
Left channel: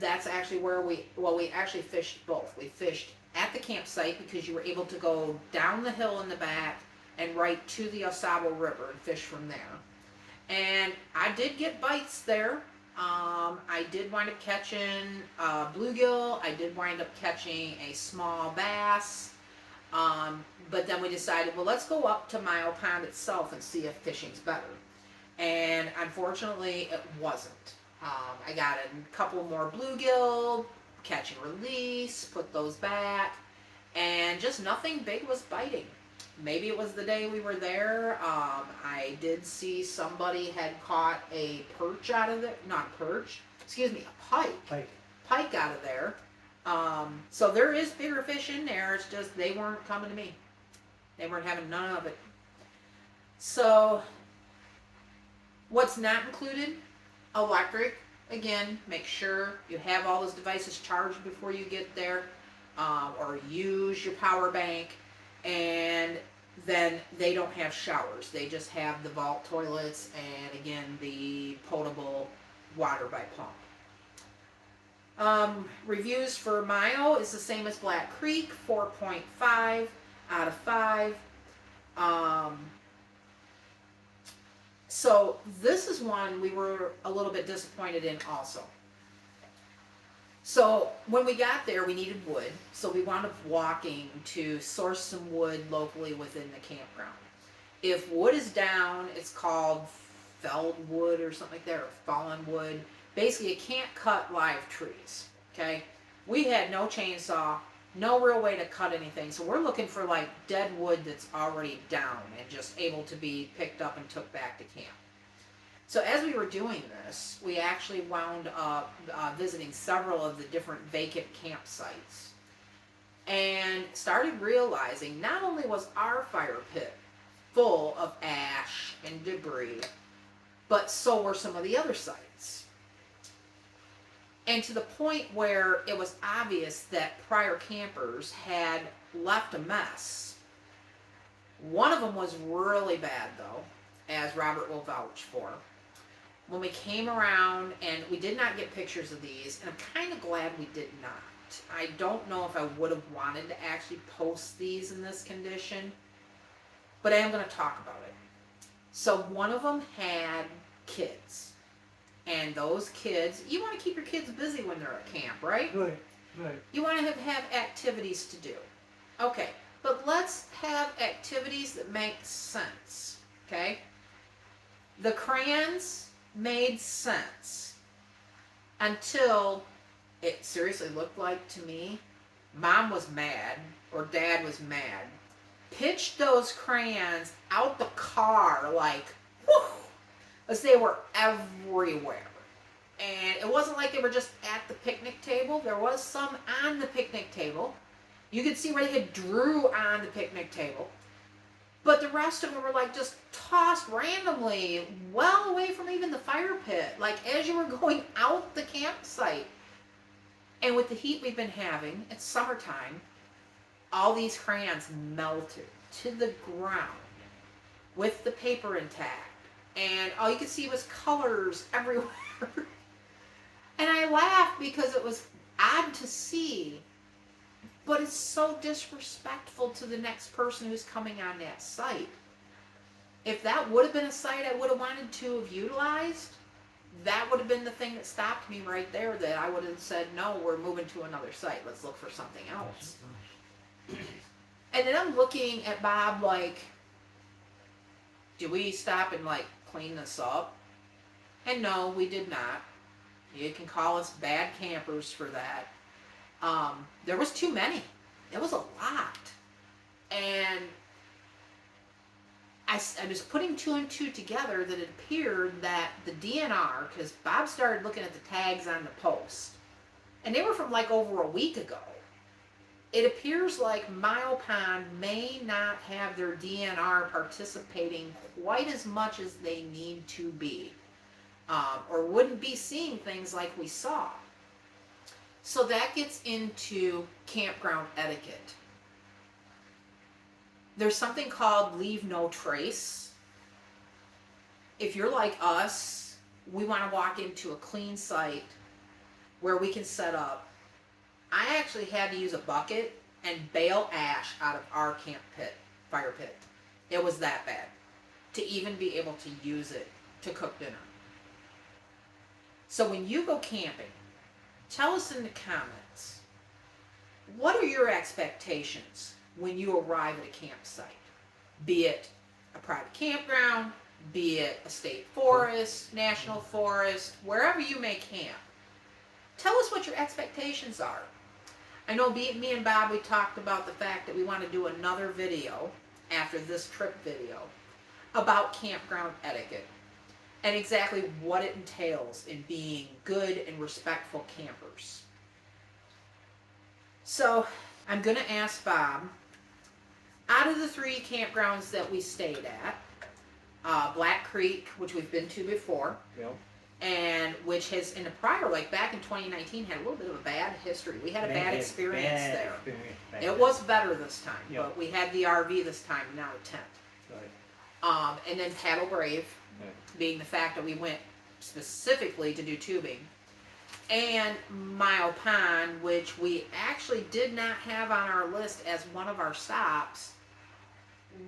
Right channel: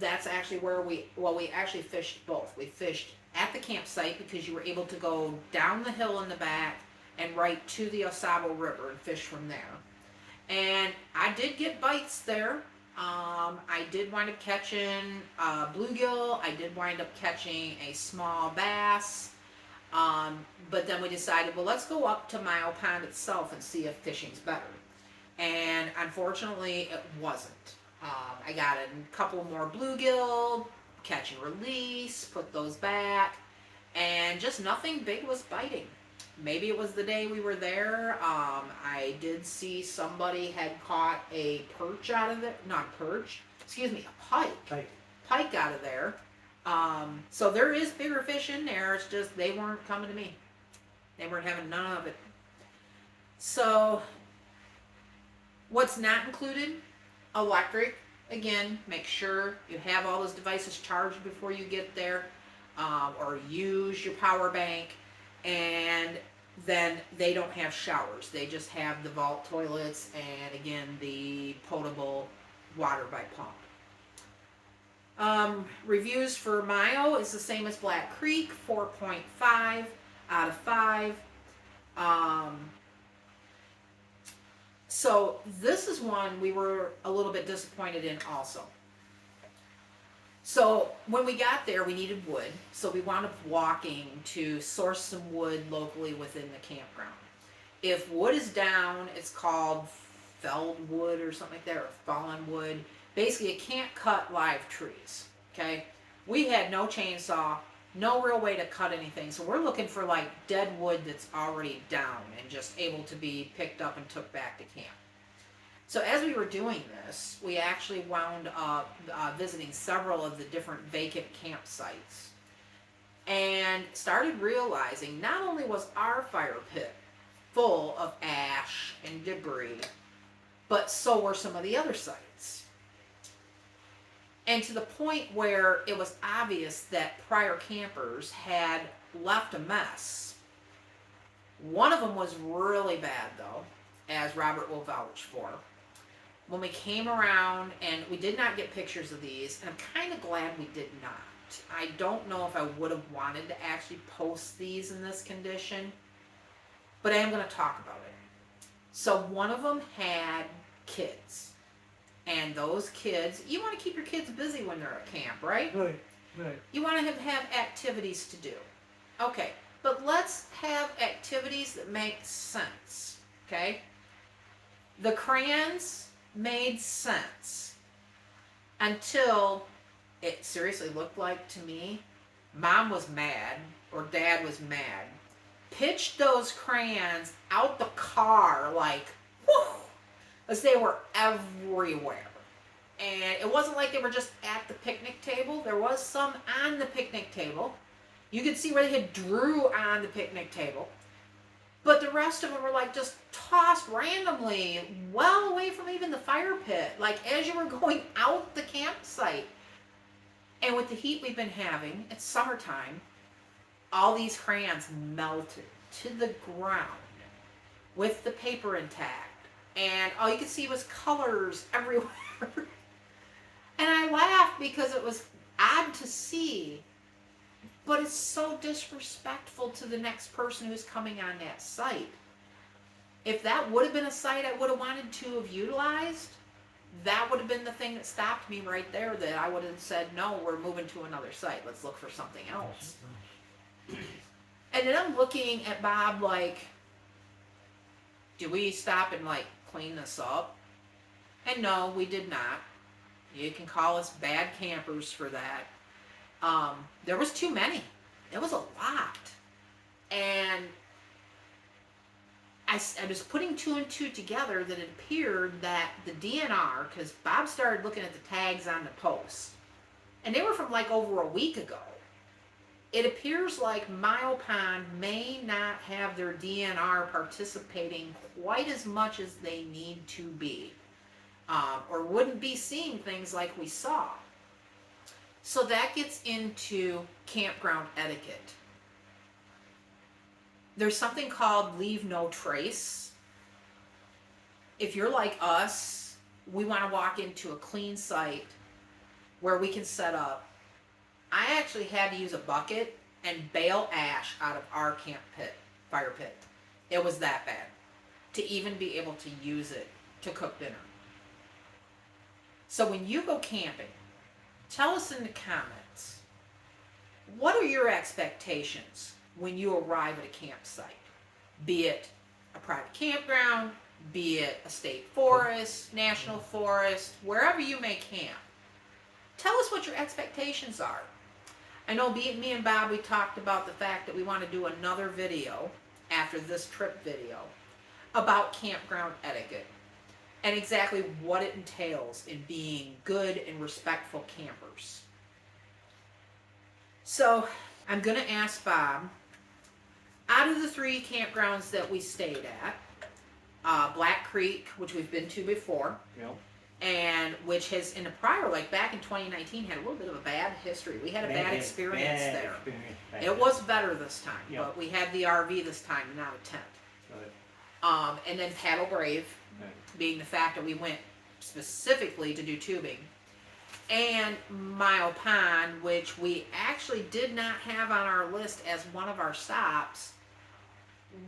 That's actually where we actually fished both. We fished at the campsite because you were able to go down the hill in the back and right to the Osable River and fish from there. And I did get bites there. I did wind up catching bluegill. I did wind up catching a small bass. But then we decided, well, let's go up to Mile Pond itself and see if fishing's better. And unfortunately, it wasn't. I got a couple more bluegill, catch and release, put those back, and just nothing big was biting. Maybe it was the day we were there. I did see somebody had caught a perch out of there. Not a perch. Excuse me, a pike. Pike out of there. So there is bigger fish in there. It's just they weren't coming to me. They weren't having none of it. So what's not included? Electric. Again, make sure you have all those devices charged before you get there. Or use your power bank. And then they don't have showers. They just have the vault toilets and, again, the potable water by pump. Reviews for Mile is the same as Black Creek, 4.5 out of 5. So this is one we were a little bit disappointed in also. So when we got there, we needed wood, so we wound up walking to source some wood locally within the campground. If wood is down, it's called felled wood or something like that, or fallen wood. Basically, you can't cut live trees, okay? We had no chainsaw, no real way to cut anything, so we're looking for like dead wood that's already down and just able to be picked up and took back to camp. So as we were doing this, we actually wound up visiting several of the different vacant campsites and started realizing not only was our fire pit full of ash and debris, but so were some of the other sites. And to the point where it was obvious that prior campers had left a mess. One of them was really bad, though, as Robert will vouch for. When we came around, and we did not get pictures of these, and I'm kind of glad we did not. I don't know if I would have wanted to actually post these in this condition, but I am going to talk about it. So one of them had kids, and those kids, you want to keep your kids busy when they're at camp, right? Right, right. You want to have activities to do. Okay, but let's have activities that make sense, okay? The crayons made sense until it seriously looked like to me mom was mad or dad was mad, pitched those crayons out the car like whoo, as they were everywhere. And it wasn't like they were just at the picnic table. There was some on the picnic table. You could see where they had drew on the picnic table. But the rest of them were like just tossed randomly well away from even the fire pit, like as you were going out the campsite. And with the heat we've been having, it's summertime, all these crayons melted to the ground with the paper intact. And all you could see was colors everywhere. And I laughed because it was odd to see, but it's so disrespectful to the next person who's coming on that site. If that would have been a site I would have wanted to have utilized, that would have been the thing that stopped me right there, that I would have said, no, we're moving to another site. Let's look for something else. And then I'm looking at Bob like, did we stop and like clean this up? And no, we did not. You can call us bad campers for that. There was too many. There was a lot. And I was putting two and two together that it appeared that the DNR, because Bob started looking at the tags on the post, and they were from like over a week ago. It appears like Mile Pond may not have their DNR participating quite as much as they need to be, or wouldn't be seeing things like we saw. So that gets into campground etiquette. There's something called leave no trace. If you're like us, we want to walk into a clean site where we can set up. I actually had to use a bucket and bale ash out of our fire pit. It was that bad to even be able to use it to cook dinner. So when you go camping, tell us in the comments, what are your expectations when you arrive at a campsite? Be it a private campground, be it a state forest, national forest, wherever you may camp. Tell us what your expectations are. I know me and Bob, we talked about the fact that we want to do another video after this trip video about campground etiquette and exactly what it entails in being good and respectful campers. So I'm going to ask Bob, out of the 3 campgrounds that we stayed at, Black Creek, which we've been to before, Yep. and which has in a prior, like back in 2019, had a little bit of a bad history. We had a bad experience there. It was better this time, Yep. but we had the RV this time, not a tent. Right. And then Paddle Brave, being the fact that we went specifically to do tubing, and Mile Pond, which we actually did not have on our list as one of our stops.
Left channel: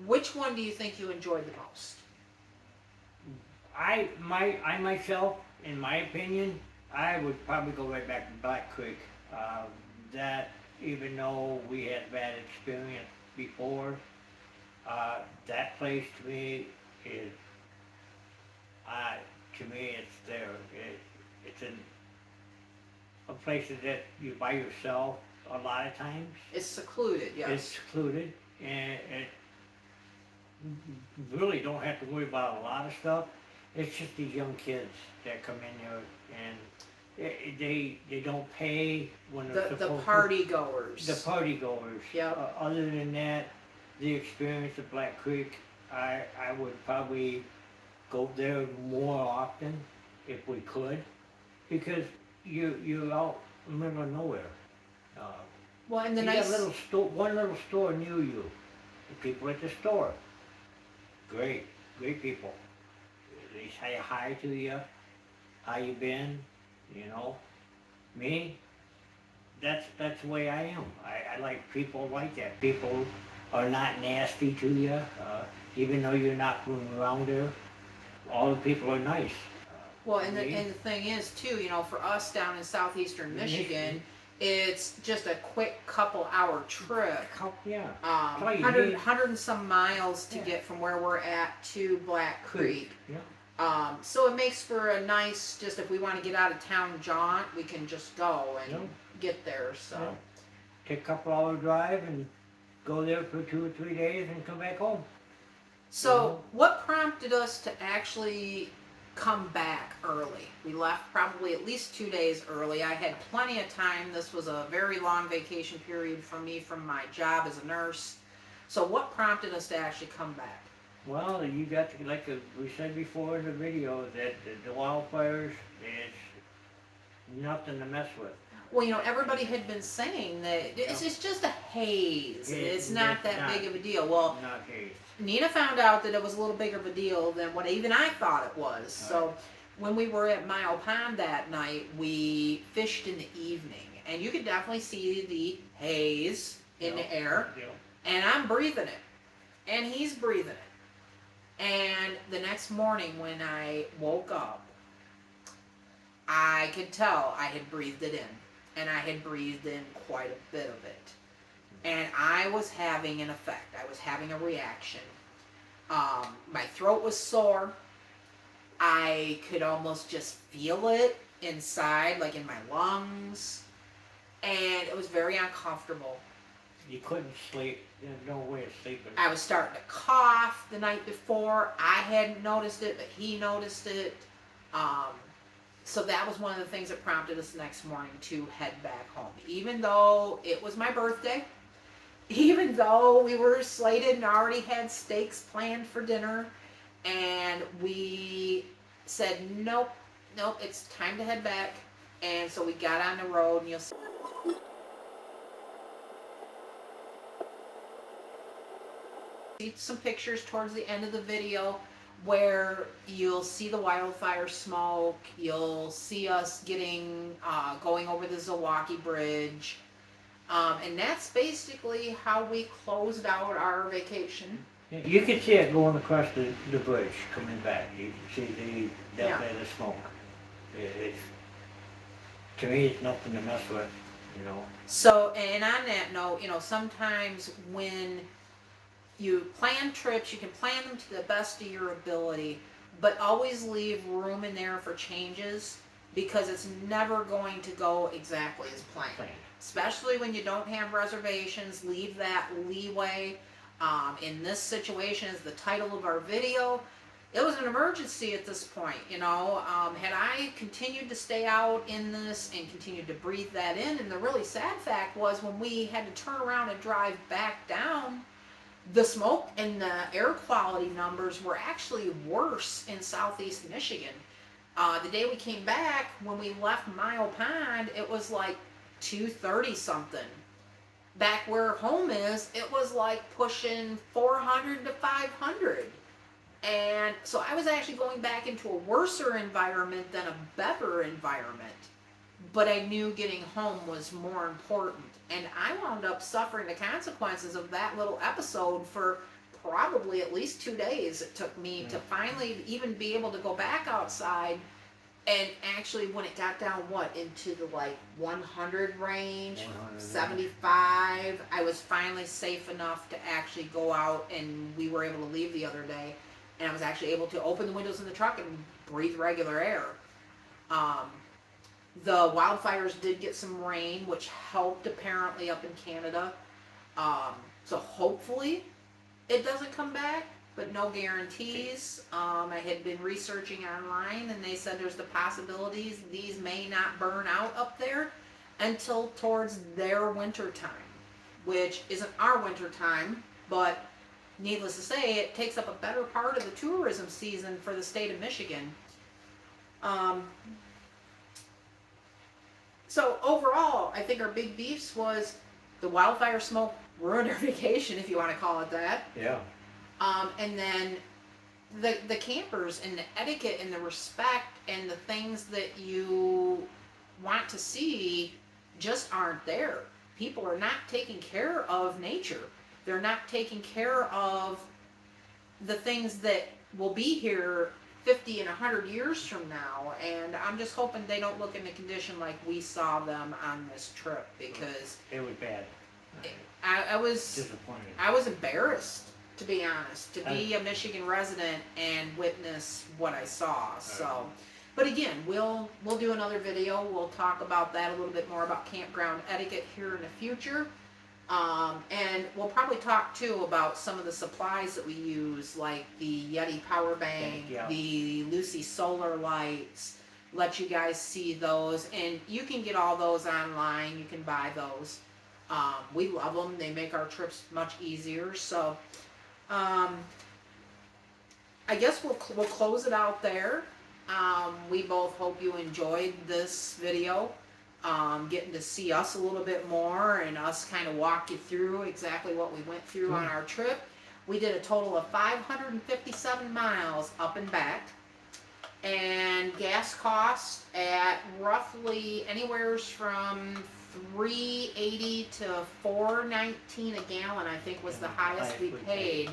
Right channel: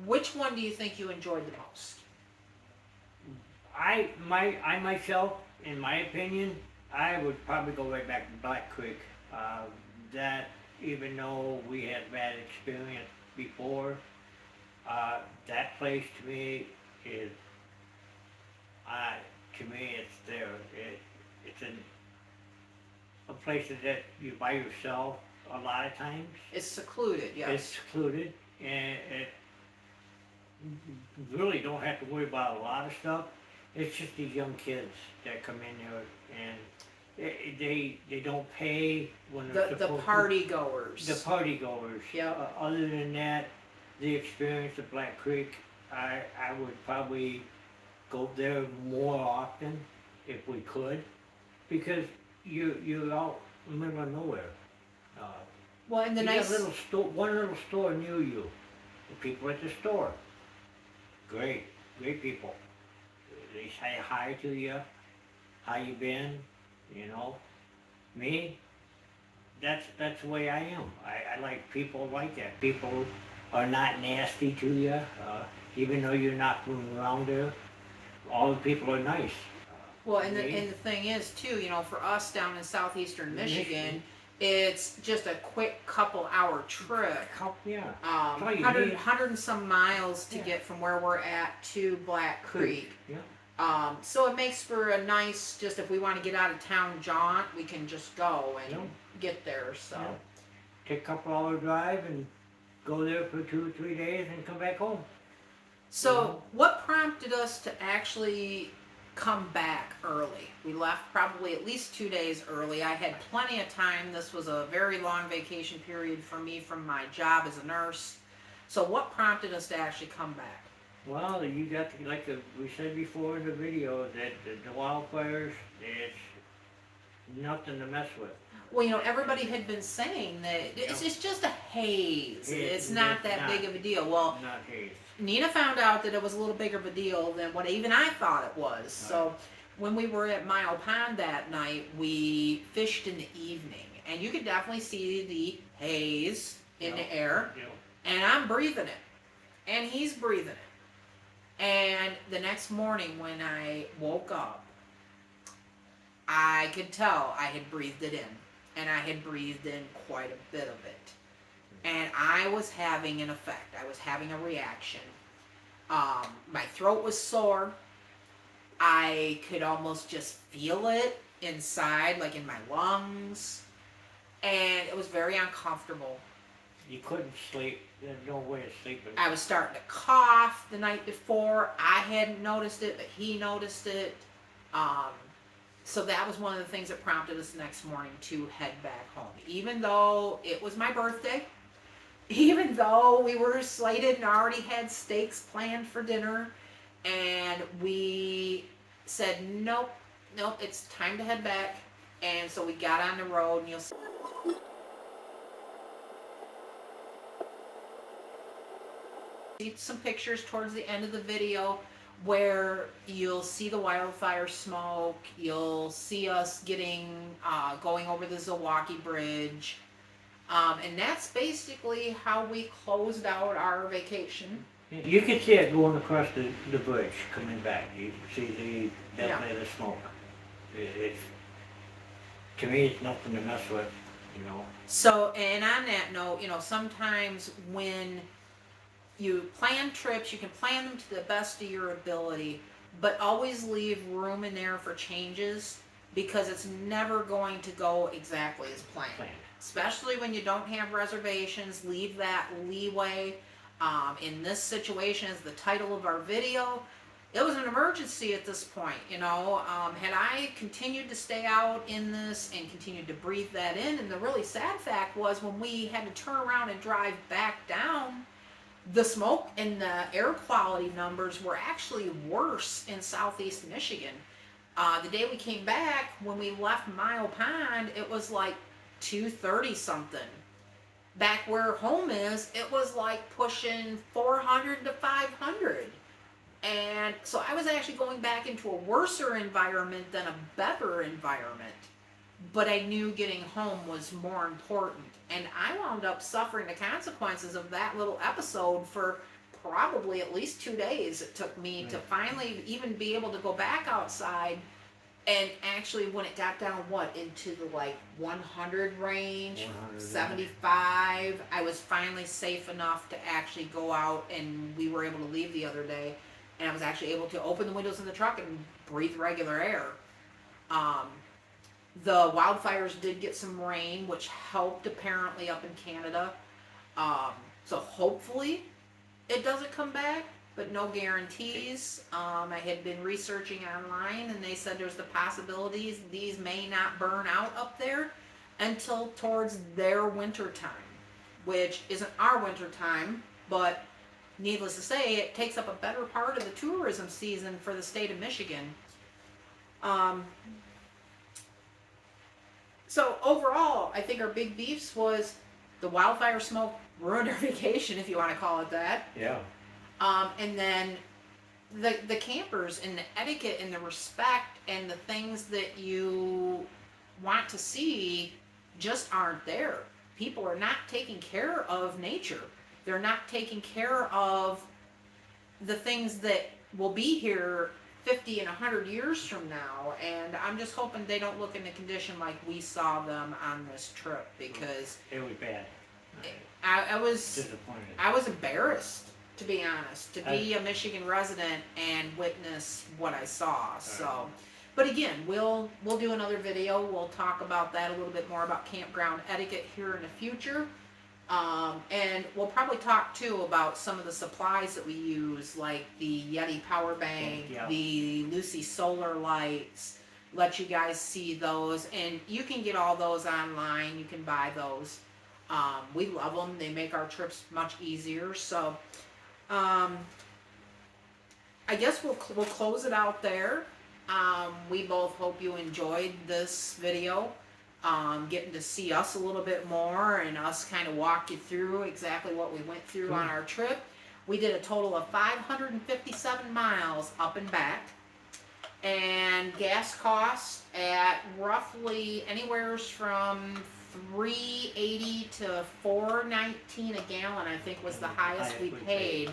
Which one do you think you enjoyed the most? I myself, in my opinion, I would probably go right back to Black Creek. That, even though we had bad experience before, that place to me is, it's there. It's a place that you're by yourself a lot of times. It's secluded, yes. It's secluded, and it really don't have to worry about a lot of stuff. It's just these young kids that come in there and they don't pay when they're The supposed party goers. to. The party goers. Yep. Other than that, the experience of Black Creek, I would probably go there more often if we could, because you're out in the middle of nowhere. Well, and the You nice. got one little store near you. The people at the store, great people. They say hi to you. How you been? You know, me. That's the way I am. I like people like that. People are not nasty to you, even though you're not from around there. All the people are nice. Well, and Me? the thing is too, you know, for us down in southeastern Michigan, it's just a quick couple-hour trip. Yeah. Um, all you 100, need. 100 and some miles to Yeah. get from where we're at to Black Creek. Yeah. So it makes for a nice, just if we want to get out of town jaunt, we can just go and Yeah. get there. So. Yeah. Take a couple hour drive and go there for 2 or 3 days and come back home. So, what prompted us to actually come back early? We left probably at least 2 days early. I had plenty of time. This was a very long vacation period for me from my job as a nurse. So, what prompted us to actually come back? Well, you got, like we said before in the video, that the wildfires, it's nothing to mess with. Well, you know, everybody had been saying that it's just a haze. It's not that big of a deal. Well, Not haze. Nina found out that it was a little bigger of a deal than what even I thought it was. So when we were at Mile Pond that night, we fished in the evening, and you could definitely see the haze in the air, Yeah. and I'm breathing it, and he's breathing it. And the next morning when I woke up, I could tell I had breathed it in, and I had breathed in quite a bit of it. And I was having an effect. I was having a reaction. My throat was sore. I could almost just feel it inside, like in my lungs. And it was very uncomfortable. You couldn't sleep. There's no way of sleeping. I was starting to cough the night before. I hadn't noticed it, but he noticed it. So that was one of the things that prompted us the next morning to head back home. Even though it was my birthday, even though we were slated and already had steaks planned for dinner, and we said, nope, it's time to head back. And so we got on the road, and you'll see some pictures towards the end of the video where you'll see the wildfire smoke. You'll see us going over the Zilwaukee Bridge. And that's basically how we closed out our vacation. You can see it going across the bridge coming back. You can see definitely the smoke. It's, to me, it's nothing to mess with, you know. So, and on that note, you know, sometimes when you plan trips, you can plan them to the best of your ability, but always leave room in there for changes, because it's never going to go exactly as planned. Especially when you don't have reservations, leave that leeway. In this situation, as the title of our video, it was an emergency at this point, you know. Had I continued to stay out in this and continued to breathe that in, and the really sad fact was when we had to turn around and drive back down, the smoke and the air quality numbers were actually worse in southeast Michigan. The day we came back, when we left Mile Pond, it was like 230 something. Back where home is, it was like pushing 400 to 500. And so I was actually going back into a worser environment than a better environment. But I knew getting home was more important. And I wound up suffering the consequences of that little episode for probably at least 2 days. It took me to finally even be able to go back outside. And actually, when it got down, into the like 100 range, 75, I was finally safe enough to actually go out, and we were able to leave the other day. And I was actually able to open the windows in the truck and breathe regular air. The wildfires did get some rain, which helped apparently up in Canada. So hopefully it doesn't come back. but no guarantees. I had been researching online, and they said there's the possibilities these may not burn out up there until towards their winter time, which isn't our winter time, but needless to say, it takes up a better part of the tourism season for the state of Michigan. So overall, I think our big beefs was the wildfire smoke ruined our vacation, if you want to call it that. Yeah. And then the campers and the etiquette and the respect and the things that you want to see just aren't there. People are not taking care of nature. They're not taking care of the things that will be here 50 and 100 years from now. And I'm just hoping they don't look in the condition like we saw them on this trip, because It was bad. I was Disappointed. I was embarrassed, to be honest, to be a Michigan resident and witness what I saw. So, but again, we'll do another video. We'll talk about that a little bit more about campground etiquette here in the future. And we'll probably talk too about some of the supplies that we use, like the Yeti power bank, Yeah. the Luci solar lights. Let you guys see those, and you can get all those online. You can buy those. We love them. They make our trips much easier. So, I guess we'll close it out there. We both hope you enjoyed this video. Getting to see us a little bit more and us kind of walk you through exactly what we went through on our trip. We did a total of 557 miles up and back, and gas costs at roughly anywhere from $3.80 to $4.19 a gallon, I think was the highest we paid.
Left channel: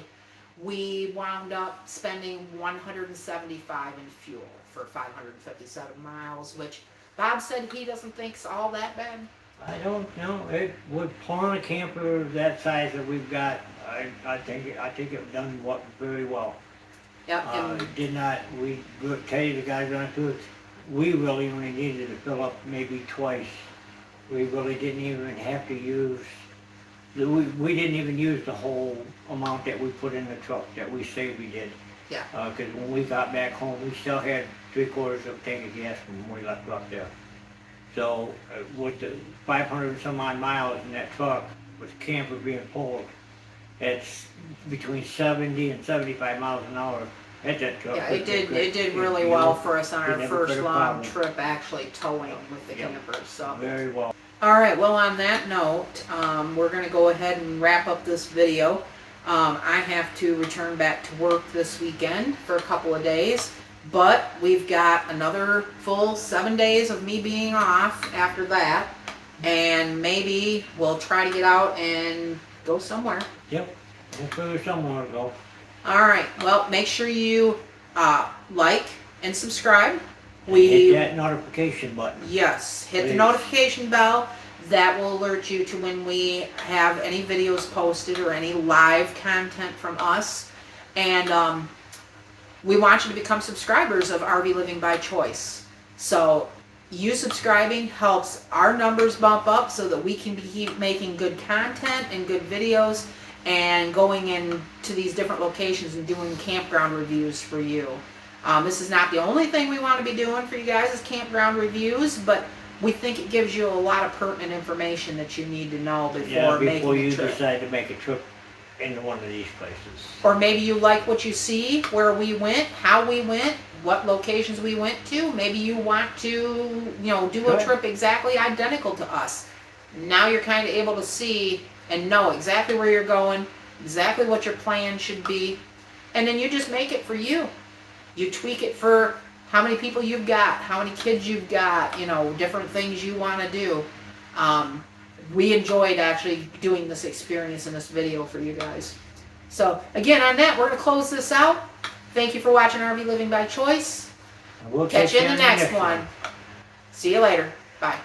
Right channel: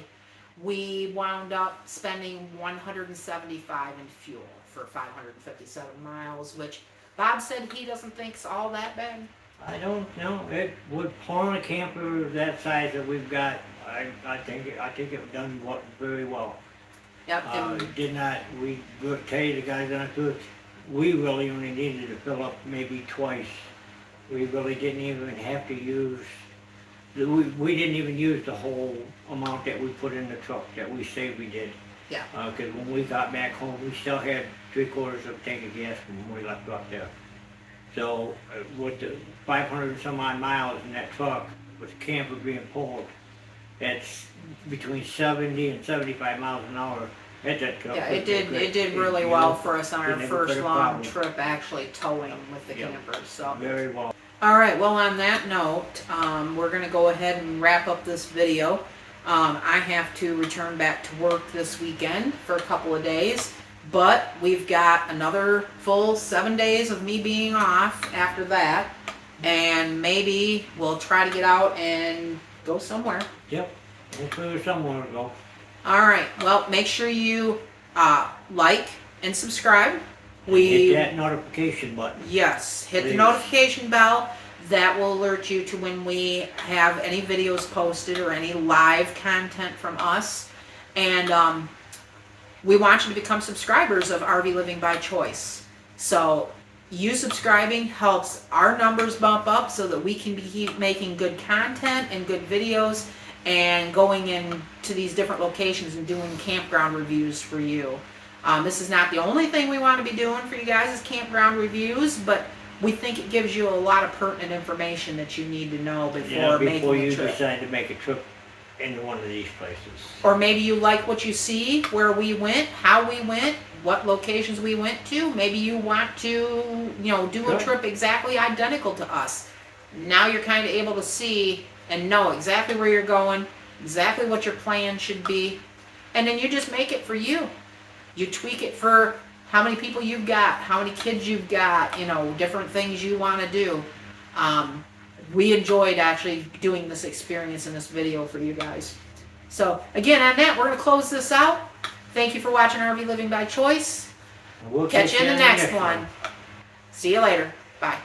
We wound up spending $175 in fuel for 557 miles, which Bob said he doesn't think's all that bad. I don't know. It would pull a camper that size that we've got. I think it done very well. Yep. And It did not. We tell you the guys on the tour, we really only needed to fill up maybe twice. We really didn't even have to use. We didn't even use the whole amount that we put in the truck that we say we did. Yeah. Because when we got back home, we still had 3/4 of a tank of gas from when we left up there. So with the 500 and some odd miles in that truck, with the camper being pulled, it's between 70 and 75 miles an hour. At that truck. yeah, it did really well for us on our first long trip, actually towing with the camper. So Very well. all right. Well, on that note, we're gonna go ahead and wrap up this video. I have to return back to work this weekend for a couple of days, but we've got another full 7 days of me being off after that, and maybe we'll try to get out and go somewhere. Yep. We'll figure somewhere to go. All right. Well, make sure you like and subscribe. Hit that notification button. Yes, hit the Please. notification bell. That will alert you to when we have any videos posted or any live content from us. And we want you to become subscribers of RV Living by Choice. So you subscribing helps our numbers bump up so that we can keep making good content and good videos and going into these different locations and doing campground reviews for you. This is not the only thing we want to be doing for you guys is campground reviews, but we think it gives you a lot of pertinent information that you need to know before making you a trip. decide to make a trip into one of these places. Or maybe you like what you see, where we went, how we went, what locations we went to. Maybe you want to, do a trip exactly identical to us. Now you're kind of able to see and know exactly where you're going, exactly what your plan should be, and then you just make it for you. You tweak it for how many people you've got, how many kids you've got, different things you want to do. We enjoyed actually doing this experience in this video for you guys. So again, on that, we're going to close this out. Thank you for watching RV Living by Choice. And we'll Catch you in the next one. See you later. Bye.